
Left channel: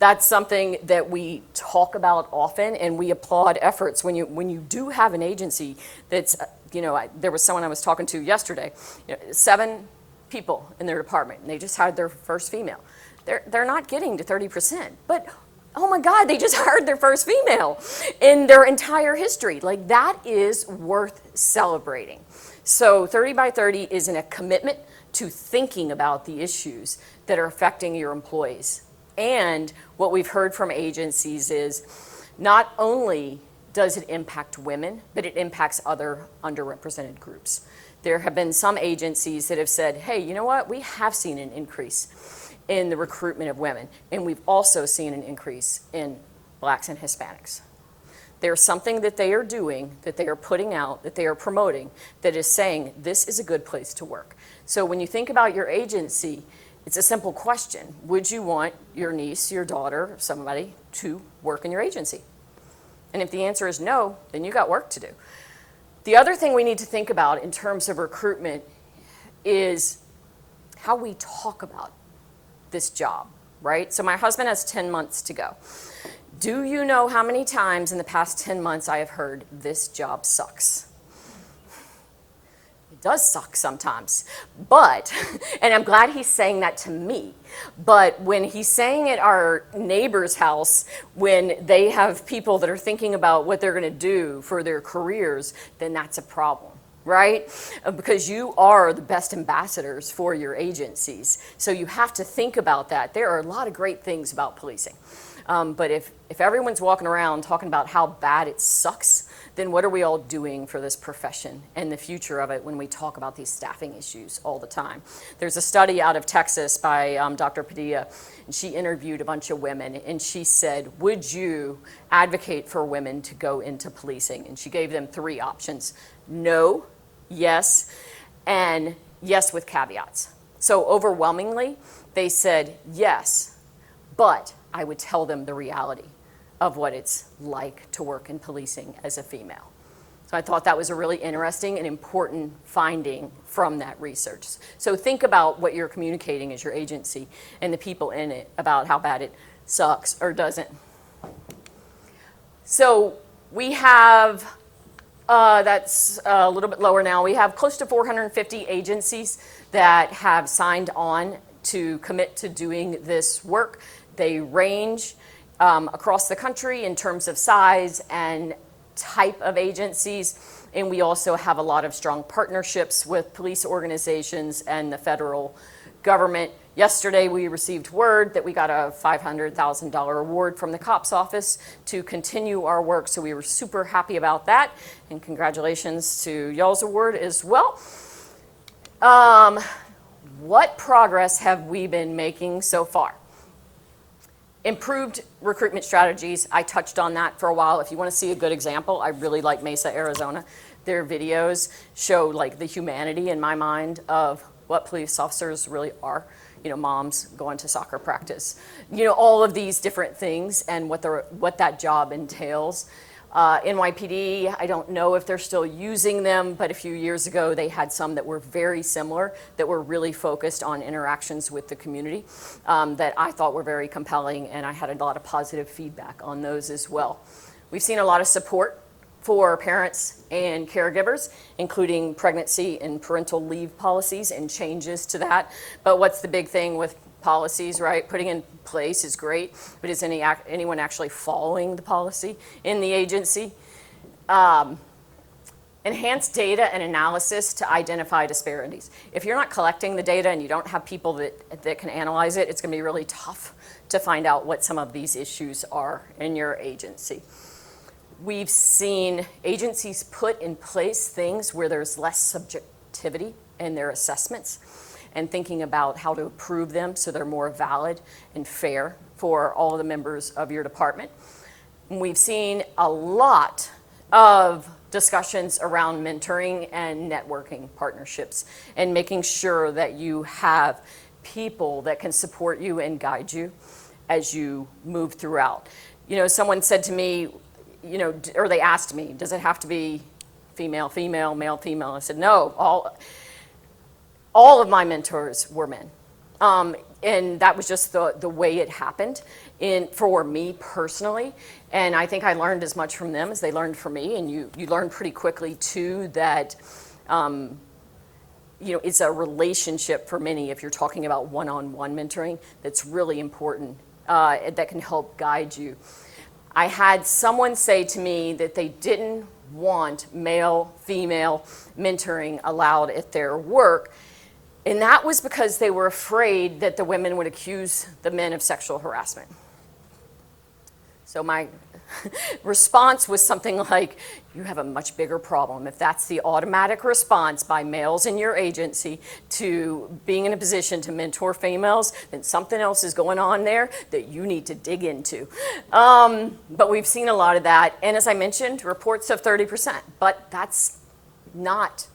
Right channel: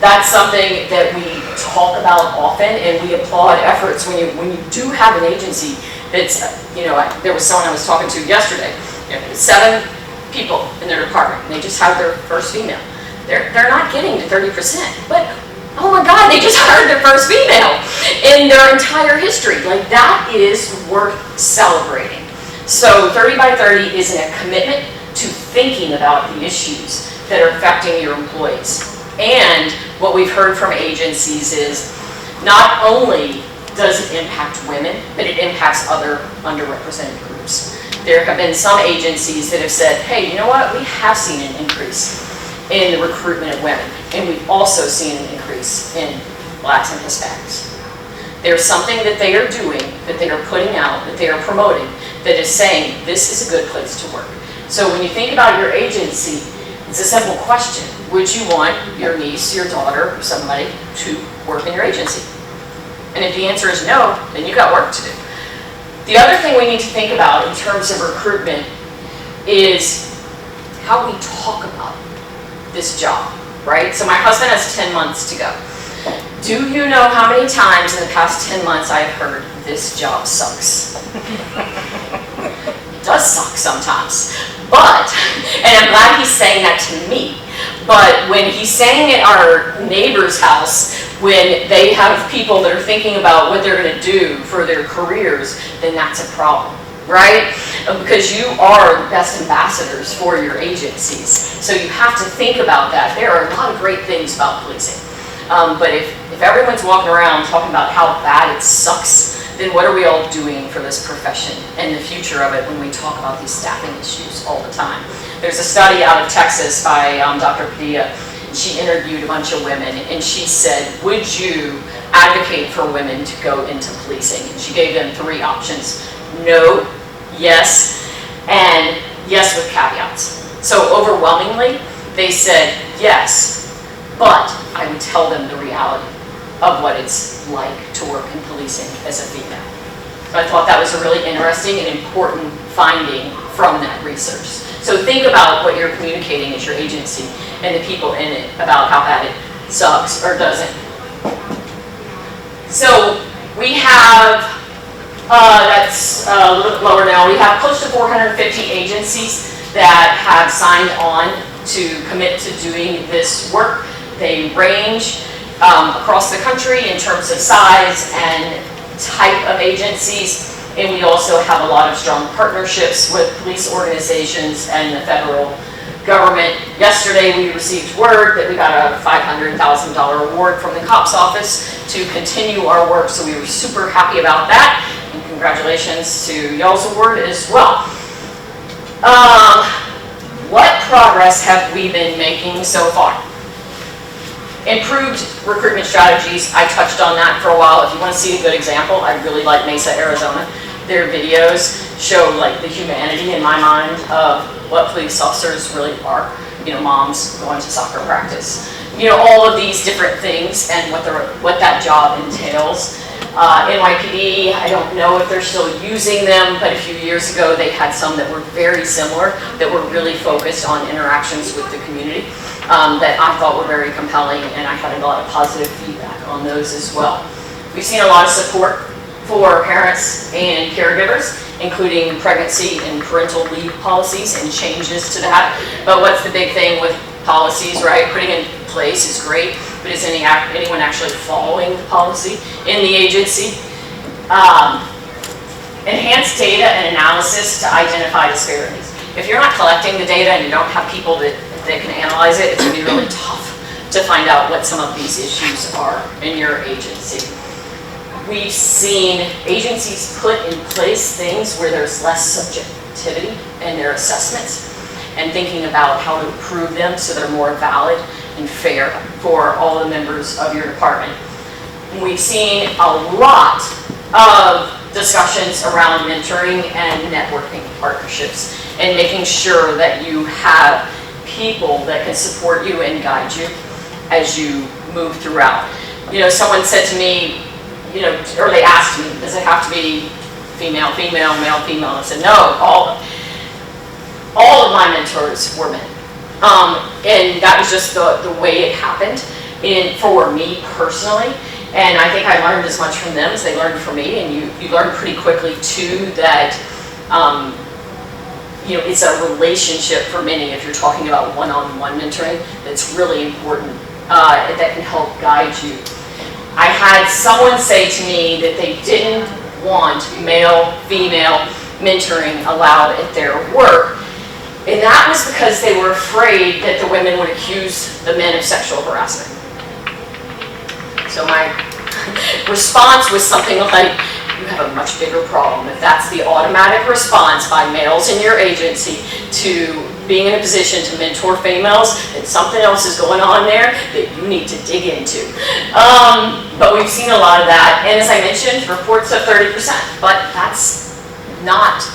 That's something that we talk about often, and we applaud efforts when you do have an agency that's, you know, there was someone I was talking to yesterday, 7 people in their department, and they just hired their first female. They're not getting to 30%, but oh my God, they just hired their first female in their entire history. Like, that is worth celebrating. So 30 by 30 is a commitment to thinking about the issues that are affecting your employees. And what we've heard from agencies is not only does it impact women, but it impacts other underrepresented groups. There have been some agencies that have said, hey, you know what, we have seen an increase in the recruitment of women, and we've also seen an increase in Blacks and Hispanics. There's something that they are doing, that they are putting out, that they are promoting, that is saying this is a good place to work. So when you think about your agency, it's a simple question. Would you want your niece, your daughter, or somebody to work in your agency? And if the answer is no, then you've got work to do. The other thing we need to think about in terms of recruitment is how we talk about this job, right? So my husband has 10 months to go. Do you know how many times in the past 10 months I've heard, this job sucks? It does suck sometimes. But, and I'm glad he's saying that to me, but when he's saying at our neighbor's house, when they have people that are thinking about what they're going to do for their careers, then that's a problem, right? Because you are the best ambassadors for your agencies. So you have to think about that. There are a lot of great things about policing. But if everyone's walking around talking about how bad it sucks, then what are we all doing for this profession and the future of it when we talk about these staffing issues all the time? There's a study out of Texas by Dr. Padilla, and she interviewed a bunch of women, and she said, would you advocate for women to go into policing? And she gave them 3 options: no, yes, and yes with caveats. So overwhelmingly, they said yes, but I would tell them the reality of what it's like to work in policing as a female. So I thought that was a really interesting and important finding from that research. So think about what you're communicating as your agency and the people in it about how bad it sucks or doesn't. So we have, that's a little bit lower now, we have close to 450 agencies that have signed on to commit to doing this work. They range across the country in terms of size and type of agencies, and we also have a lot of strong partnerships with police organizations and the federal government. Yesterday we received word that we got a $500,000 award from the COPS office to continue our work, so we were super happy about that, and congratulations to y'all's award as well. What progress have we been making so far? Improved recruitment strategies, I touched on that for a while. If you want to see a good example, I really like Mesa, Arizona. Their videos show like the humanity in my mind of what police officers really are. You know, moms going to soccer practice. You know, all of these different things and what that job entails. NYPD, I don't know if they're still using them, but a few years ago they had some that were very similar, that were really focused on interactions with the community, that I thought were very compelling, and I had a lot of positive feedback on those as well. We've seen a lot of support for parents and caregivers, including pregnancy and parental leave policies and changes to that. But what's the big thing with policies, right? Putting in place is great, but is anyone actually following the policy in the agency? Enhanced data and analysis to identify disparities. If you're not collecting the data and you don't have people that can analyze it, it's going to be really tough to find out what some of these issues are in your agency. We've seen agencies put in place things where there's less subjectivity in their assessments and thinking about how to improve them so they're more valid and fair for all the members of your department. We've seen a lot of discussions around mentoring and networking partnerships and making sure that you have people that can support you and guide you as you move throughout. You know, someone said to me, you know, or they asked me, does it have to be female, female, male, female? I said, no, all of my mentors were men. And that was just the way it happened for me personally. And I think I learned as much from them as they learned from me. And you learn pretty quickly too that, you know, it's a relationship for many, if you're talking about one-on-one mentoring, that's really important, that can help guide you. I had someone say to me that they didn't want male-female mentoring allowed at their work. And that was because they were afraid that the women would accuse the men of sexual harassment. So my response was something like, you have a much bigger problem if that's the automatic response by males in your agency to being in a position to mentor females, that something else is going on there that you need to dig into. But we've seen a lot of that, and as I mentioned, reports of 30%, but that's not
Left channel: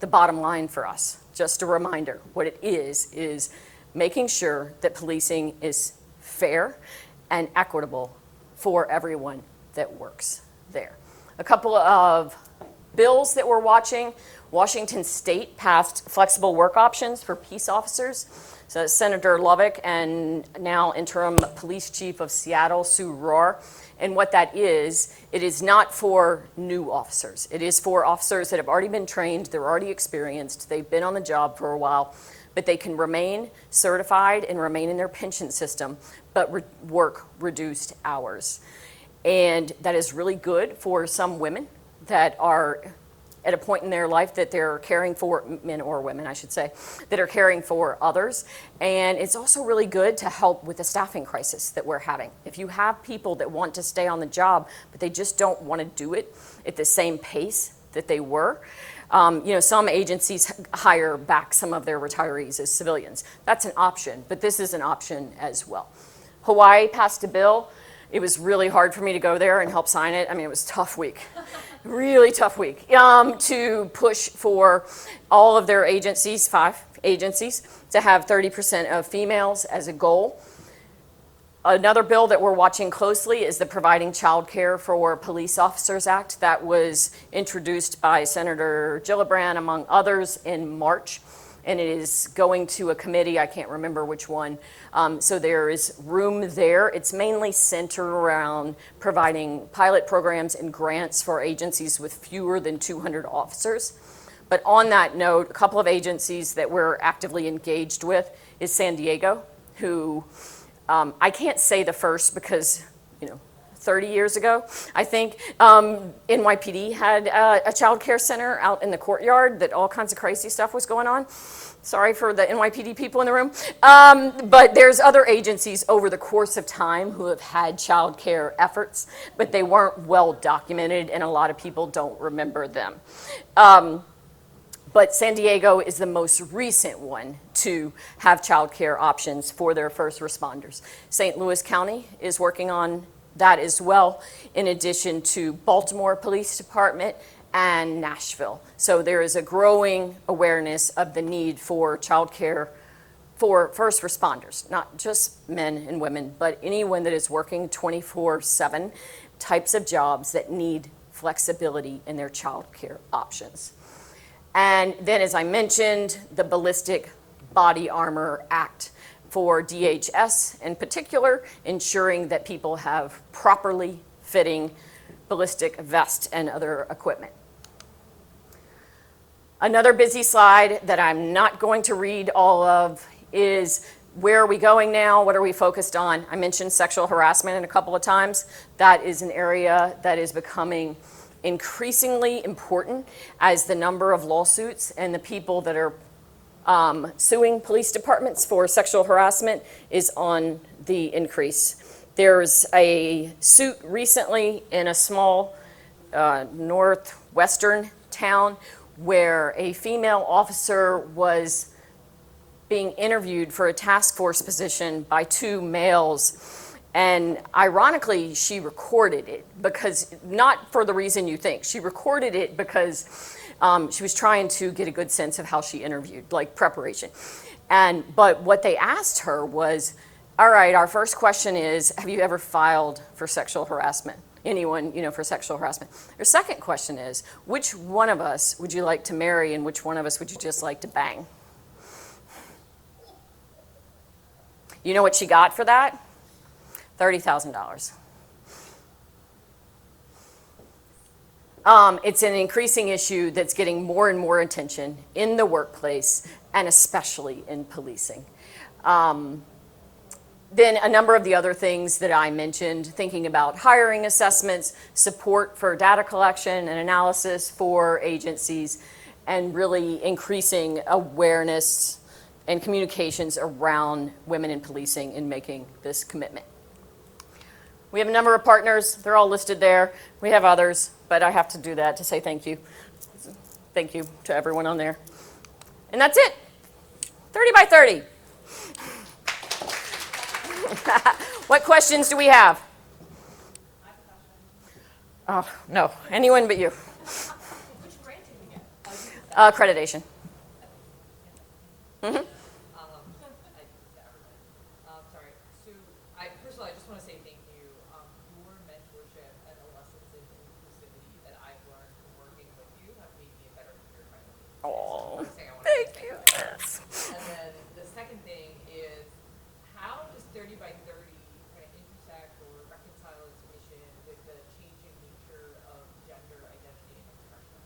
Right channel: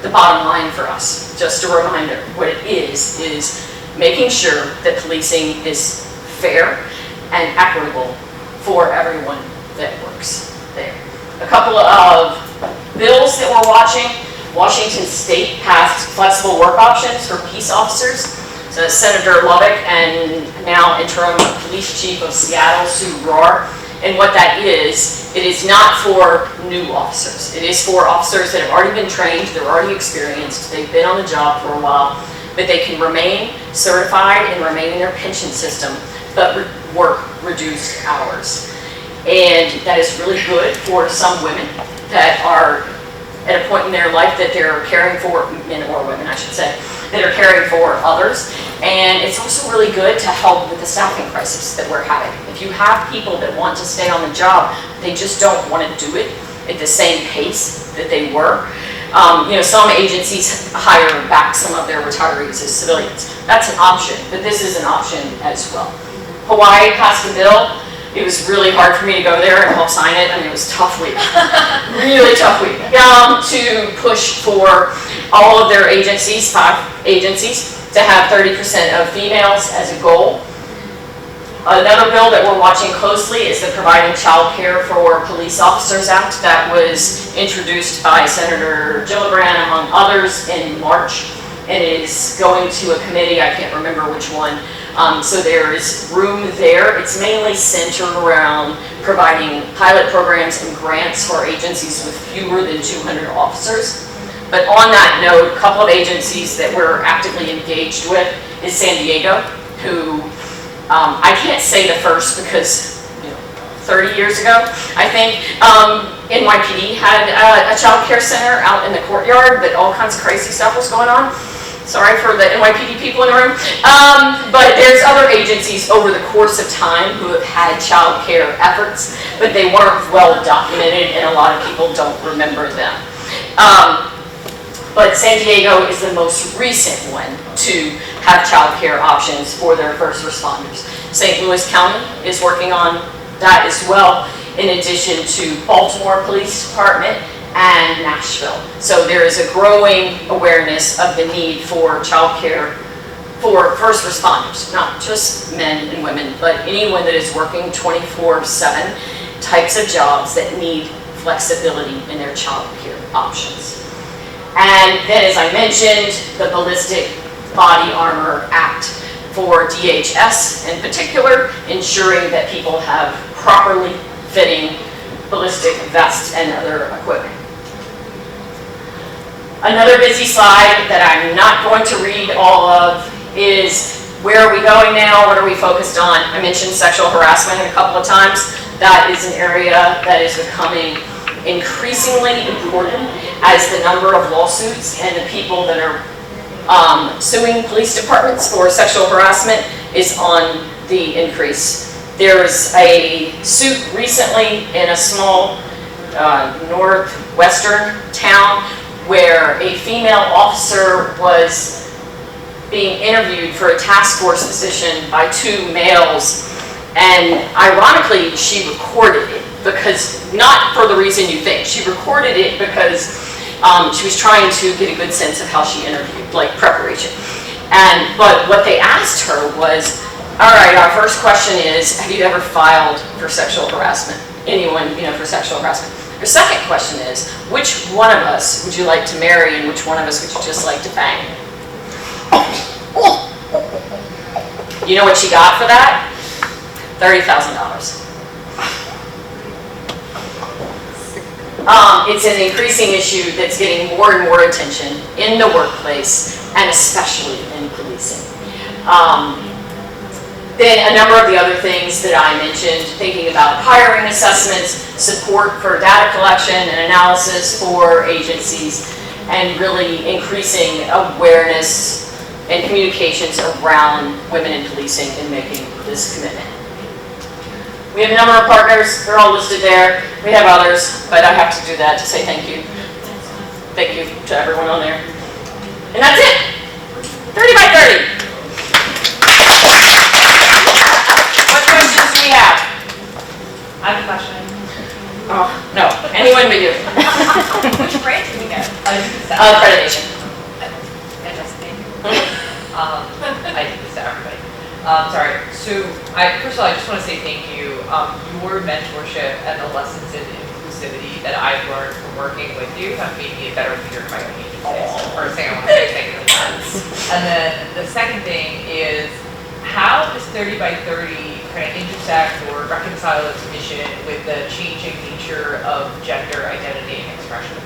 the bottom line for us. Just a reminder, what it is making sure that policing is fair and equitable for everyone that works there. A couple of bills that we're watching. Washington State passed flexible work options for peace officers. So Senator Lubbock and now interim police chief of Seattle, Sue Rohr. And what that is, it is not for new officers. It is for officers that have already been trained, they're already experienced, they've been on the job for a while, but they can remain certified and remain in their pension system, but work reduced hours. And that is really good for some women that are at a point in their life that they're caring for, men or women I should say, that are caring for others. And it's also really good to help with the staffing crisis that we're having. If you have people that want to stay on the job, they just don't want to do it at the same pace that they were, Some agencies hire back some of their retirees as civilians. That's an option, but this is an option as well. Hawaii passed a bill. It was really hard for me to go there and help sign it. I mean, it was a tough week, really tough week, to push for all of their agencies, 5 agencies, to have 30% of females as a goal. Another bill that we're watching closely is the Providing Child Care for Police Officers Act that was introduced by Senator Gillibrand, among others, in March, and is going to a committee, I can't remember which one. So there is room there. It's mainly centered around providing pilot programs and grants for agencies with fewer than 200 officers. But on that note, a couple of agencies that we're actively engaged with is San Diego, who I can't say the first because 30 years ago, I think, NYPD had a child care center out in the courtyard that all kinds of crazy stuff was going on. Sorry for the NYPD people in the room. But there's other agencies over the course of time who have had child care efforts, but they weren't well documented and a lot of people don't remember them. But San Diego is the most recent one to have child care options for their first responders. St. Louis County is working on that as well, in addition to Baltimore Police Department and Nashville. So there is a growing awareness of the need for child care for first responders, not just men and women, but anyone that is working 24/7, types of jobs that need flexibility in their child care options. And then, as I mentioned, the Ballistic Body Armor Act for DHS in particular, ensuring that people have properly fitting ballistic vests and other equipment. Another busy slide that I'm not going to read all of is where are we going now, what are we focused on? I mentioned sexual harassment a couple of times. That is an area that is becoming increasingly important as the number of lawsuits and the people that are suing police departments for sexual harassment is on the increase. There's a suit recently in a small northwestern town where a female officer was being interviewed for a task force position by 2 males, and ironically she recorded it, because not for the reason you think. She recorded it because she was trying to get a good sense of how she interviewed, like preparation. But what they asked her was, all right, our first question is, have you ever filed for sexual harassment? Anyone, for sexual harassment? Her second question is, which one of us would you like to marry and which one of us would you just like to bang? You know what she got for that? $30,000. It's an increasing issue that's getting more and more attention in the workplace and especially in policing. Then a number of the other things that I mentioned, thinking about hiring assessments, support for data collection and analysis for agencies, and really increasing awareness and communications around women in policing and making this commitment. We have a number of partners, they're all listed there. We have others, but I have to do that to say thank you. Thank you to everyone on there. And that's it. 30 by 30. What questions do we have? I have a question. Oh, no, anyone but you. Which grant did we get? Accreditation. Fantastic. I do this to everybody. Sorry. So, first of all, I just want to say thank you. Your mentorship and the lessons in inclusivity that I've learned from working with you have made me a better leader of my own agency. So the first thing I want to say is thank you for that. And then the second thing is, how does 30 by 30 kind of intersect or reconcile its mission with the changing nature of gender identity and expression?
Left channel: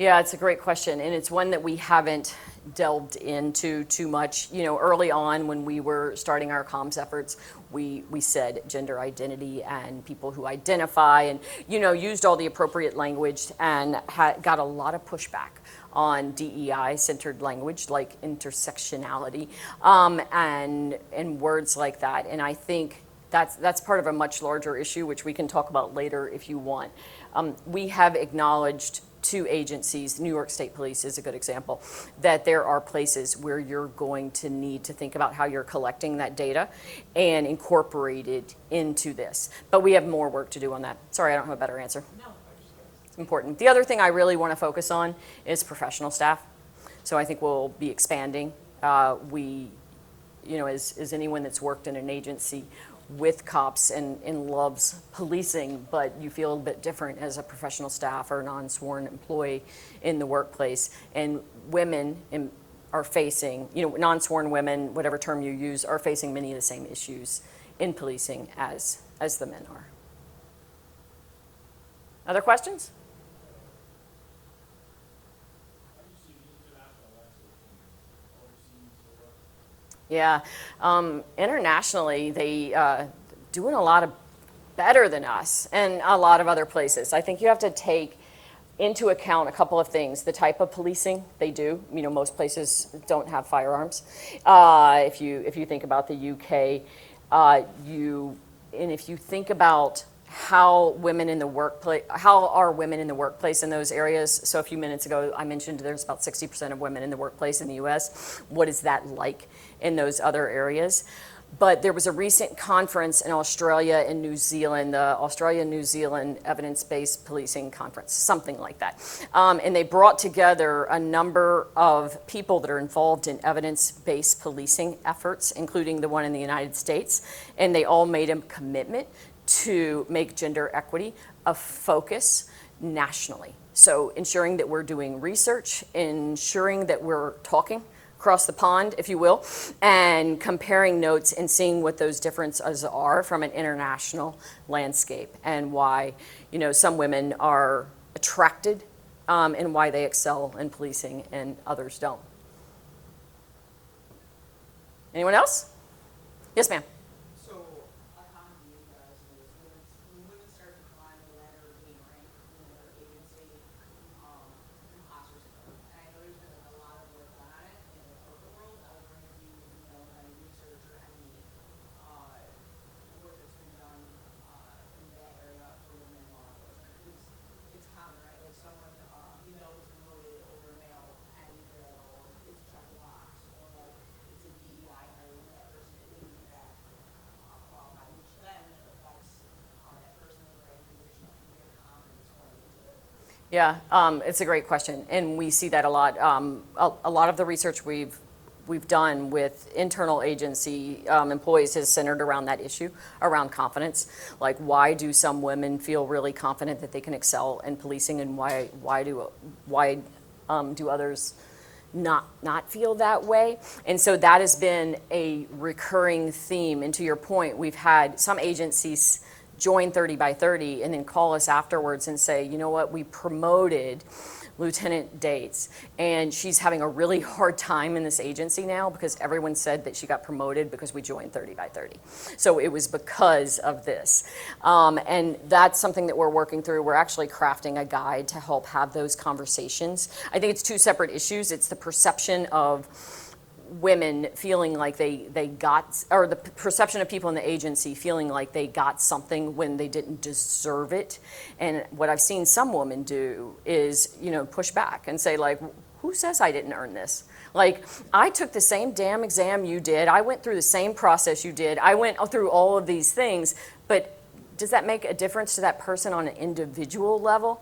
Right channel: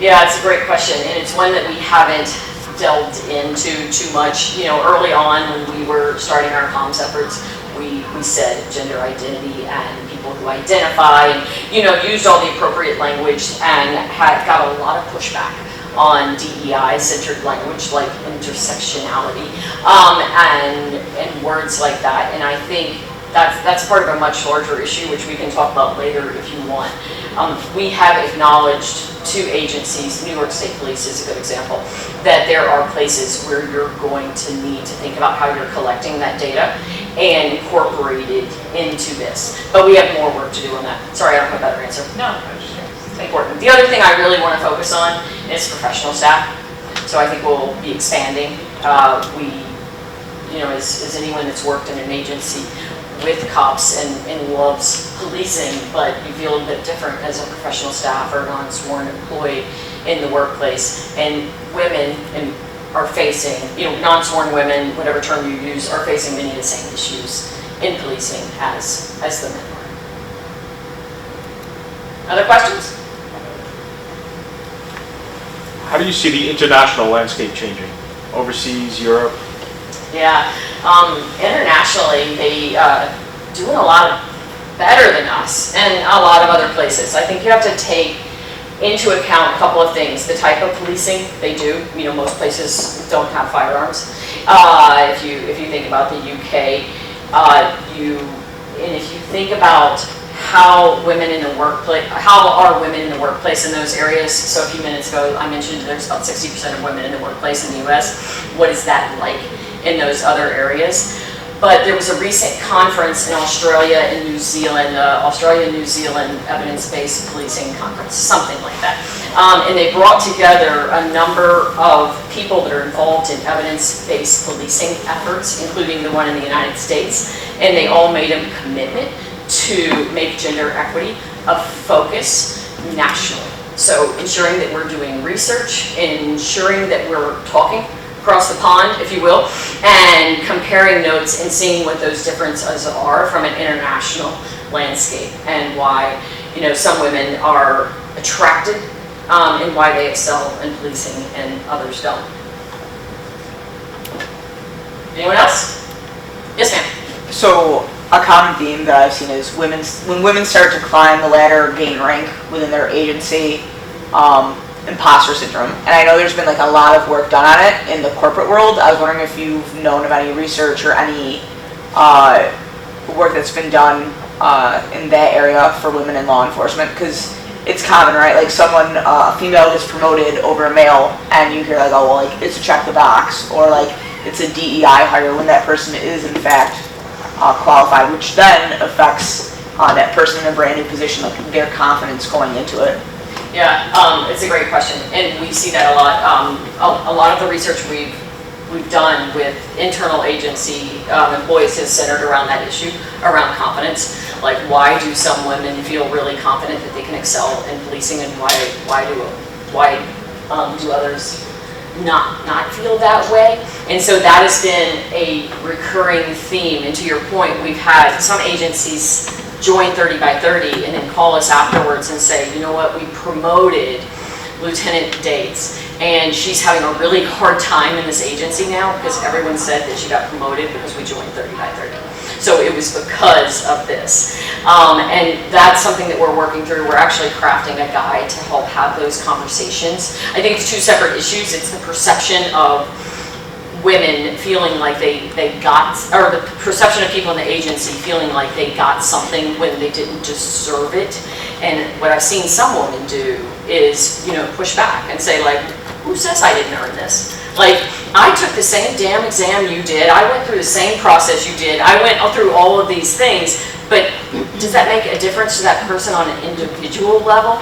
Yeah, it's a great question, and it's one that we haven't delved into too much. Early on when we were starting our comms efforts, we said gender identity and people who identify, and used all the appropriate language and got a lot of pushback on DEI-centered language like intersectionality and words like that. And I think that's part of a much larger issue, which we can talk about later if you want. We have acknowledged to agencies, New York State Police is a good example, that there are places where you're going to need to think about how you're collecting that data and incorporate it into this. But we have more work to do on that. Sorry, I don't have a better answer. No, I'm just curious. It's important. The other thing I really want to focus on is professional staff. So I think we'll be expanding. As anyone that's worked in an agency with cops and loves policing, but you feel a bit different as a professional staff or non-sworn employee in the workplace. And women are facing, non-sworn women, whatever term you use, are facing many of the same issues in policing as the men are. Other questions? How do you see the international landscape changing? Overseas, Europe? Yeah, internationally, they doing a lot better than us and a lot of other places. I think you have to take into account a couple of things. The type of policing they do. Most places don't have firearms. If you think about the UK, if you think about how women in the workplace, how are women in the workplace in those areas? So a few minutes ago, I mentioned there's about 60% of women in the workplace in the US. What is that like in those other areas? But there was a recent conference in Australia and New Zealand, Australia-New Zealand Evidence-Based Policing Conference, something like that. And they brought together a number of people that are involved in evidence-based policing efforts, including the one in the United States, and they all made a commitment to make gender equity a focus nationally. So ensuring that we're doing research, ensuring that we're talking across the pond, if you will, and comparing notes and seeing what those differences are from an international landscape and why, some women are attracted and why they excel in policing and others don't. Anyone else? Yes, ma'am. So a common theme that I've seen is when women start to climb the ladder or gain rank within their agency, imposter syndrome. And I know there's been like a lot of work done on it in the corporate world. I was wondering if you've known of any research or any work that's been done in that area for women in law enforcement, because it's common, right? Like someone, a female gets promoted over a male, and you hear like, oh, well, like it's a check the box, or like it's a DEI hire when that person is in fact qualified, which then affects that person in a brand new position, like their confidence going into it. Yeah, it's a great question, and we see that a lot. A lot of the research we've done with internal agency employees is centered around that issue, around confidence. Like, why do some women feel really confident that they can excel in policing, and why do others not feel that way? And so that has been a recurring theme. And to your point, we've had some agencies join 30 by 30 and then call us afterwards and say, you know what, we promoted Lieutenant Dates, and she's having a really hard time in this agency now because everyone said that she got promoted because we joined 30 by 30. So it was because of this. And that's something that we're working through. We're actually crafting a guide to help have those conversations. I think it's two separate issues. It's the perception of women feeling like they got, or the perception of people in the agency feeling like they got something when they didn't deserve it. And what I've seen some women do is, push back and say like, who says I didn't earn this? Like, I took the same damn exam you did. I went through the same process you did. I went through all of these things. But does that make a difference to that person on an individual level?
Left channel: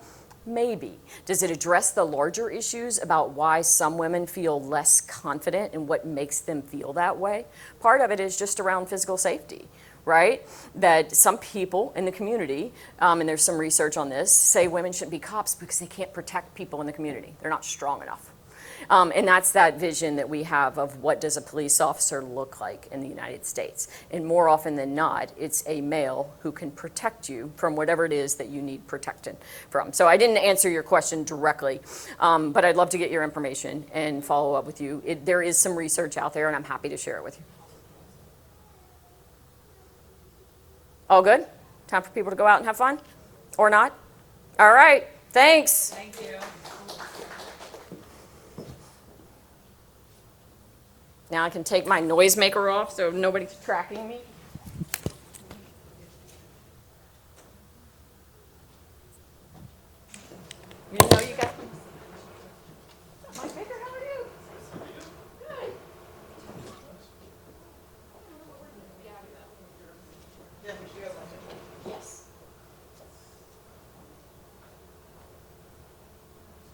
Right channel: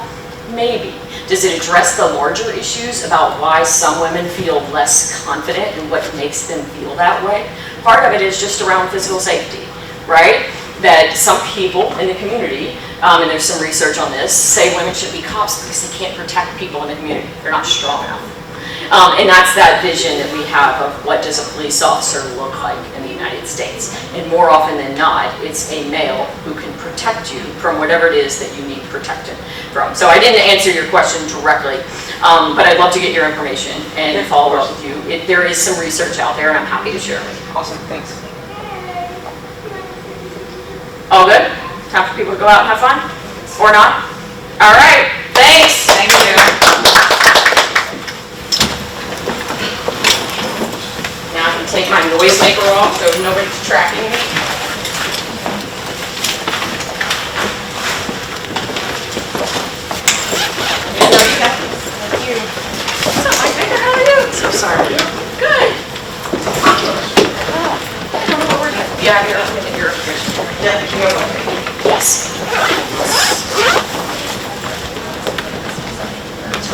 Maybe. Does it address the larger issues about why some women feel less confident and what makes them feel that way? Part of it is just around physical safety, right? That some people in the community, and there's some research on this, say women should be cops because they can't protect people in the community. They're not strong enough. And that's that vision that we have of what does a police officer look like in the United States. And more often than not, it's a male who can protect you from whatever it is that you need protected from. So I didn't answer your question directly, but I'd love to get your information and follow up with you. There is some research out there, and I'm happy to share it with you. Awesome, thanks. All good? Time for people to go out and have fun? Or not? All right, thanks. Thank you. Now I can take my noisemaker off so nobody's tracking me.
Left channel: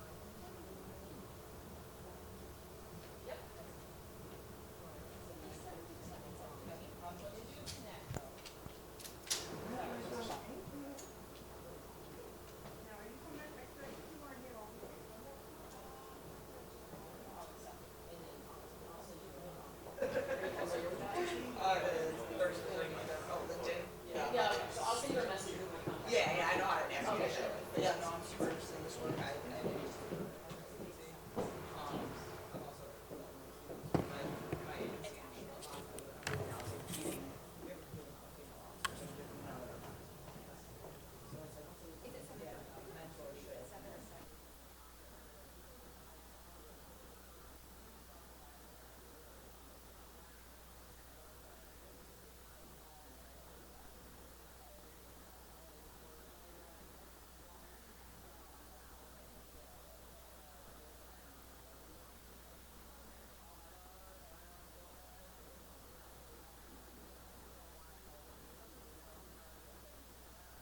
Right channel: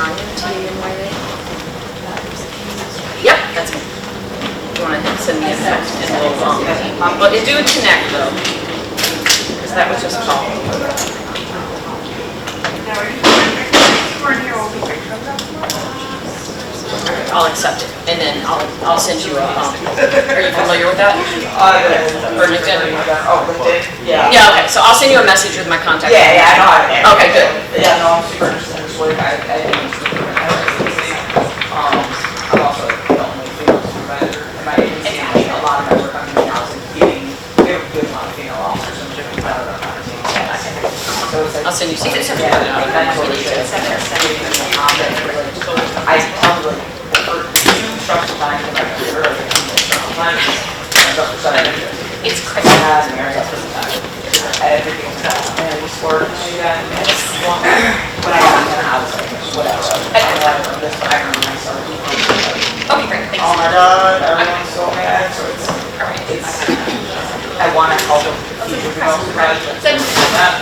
Tanya TNYA? Yep, that's me. You want to send me a text and we'll do a connect though. Because that was just called. I'll accept it, and then I'll send you a, are you familiar with that? Or LinkedIn? Oh, LinkedIn? Yeah. Yeah, okay, so I'll send you a message with my contact. Yeah, yeah, I know how to manage. Okay, good. Yeah, no, I'm super interested in this work. I think it's super interesting. I'm also the only female supervisor in my agency. A lot of my work I'm doing now is getting, we have a good amount of female officers and different kind of teams. So it's like. I'll send you some. Yeah, that's what it is. I tell them like, for 2 structural times in my career, like 2 structural times, and structural side It's I crazy. had an area for the time. Everything's and sports, yeah, and it's one. When I got in, I was like, whatever. I learned from this, but I remember when I started. Okay, great, thanks. Oh my god, everyone's so mad, so it's, I wanna help them future development projects, but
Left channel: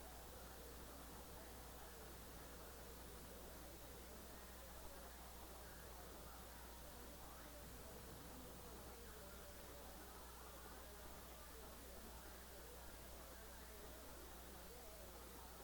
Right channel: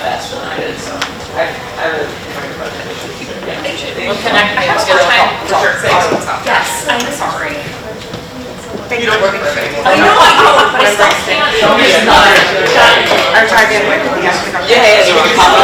that's what I did, so I really enjoyed the presentation. We'll connect, maybe we'll schedule a call. Yes, I'm sorry. You don't work for me. I know, but I still can't. Our target, yeah, yeah, you can copy.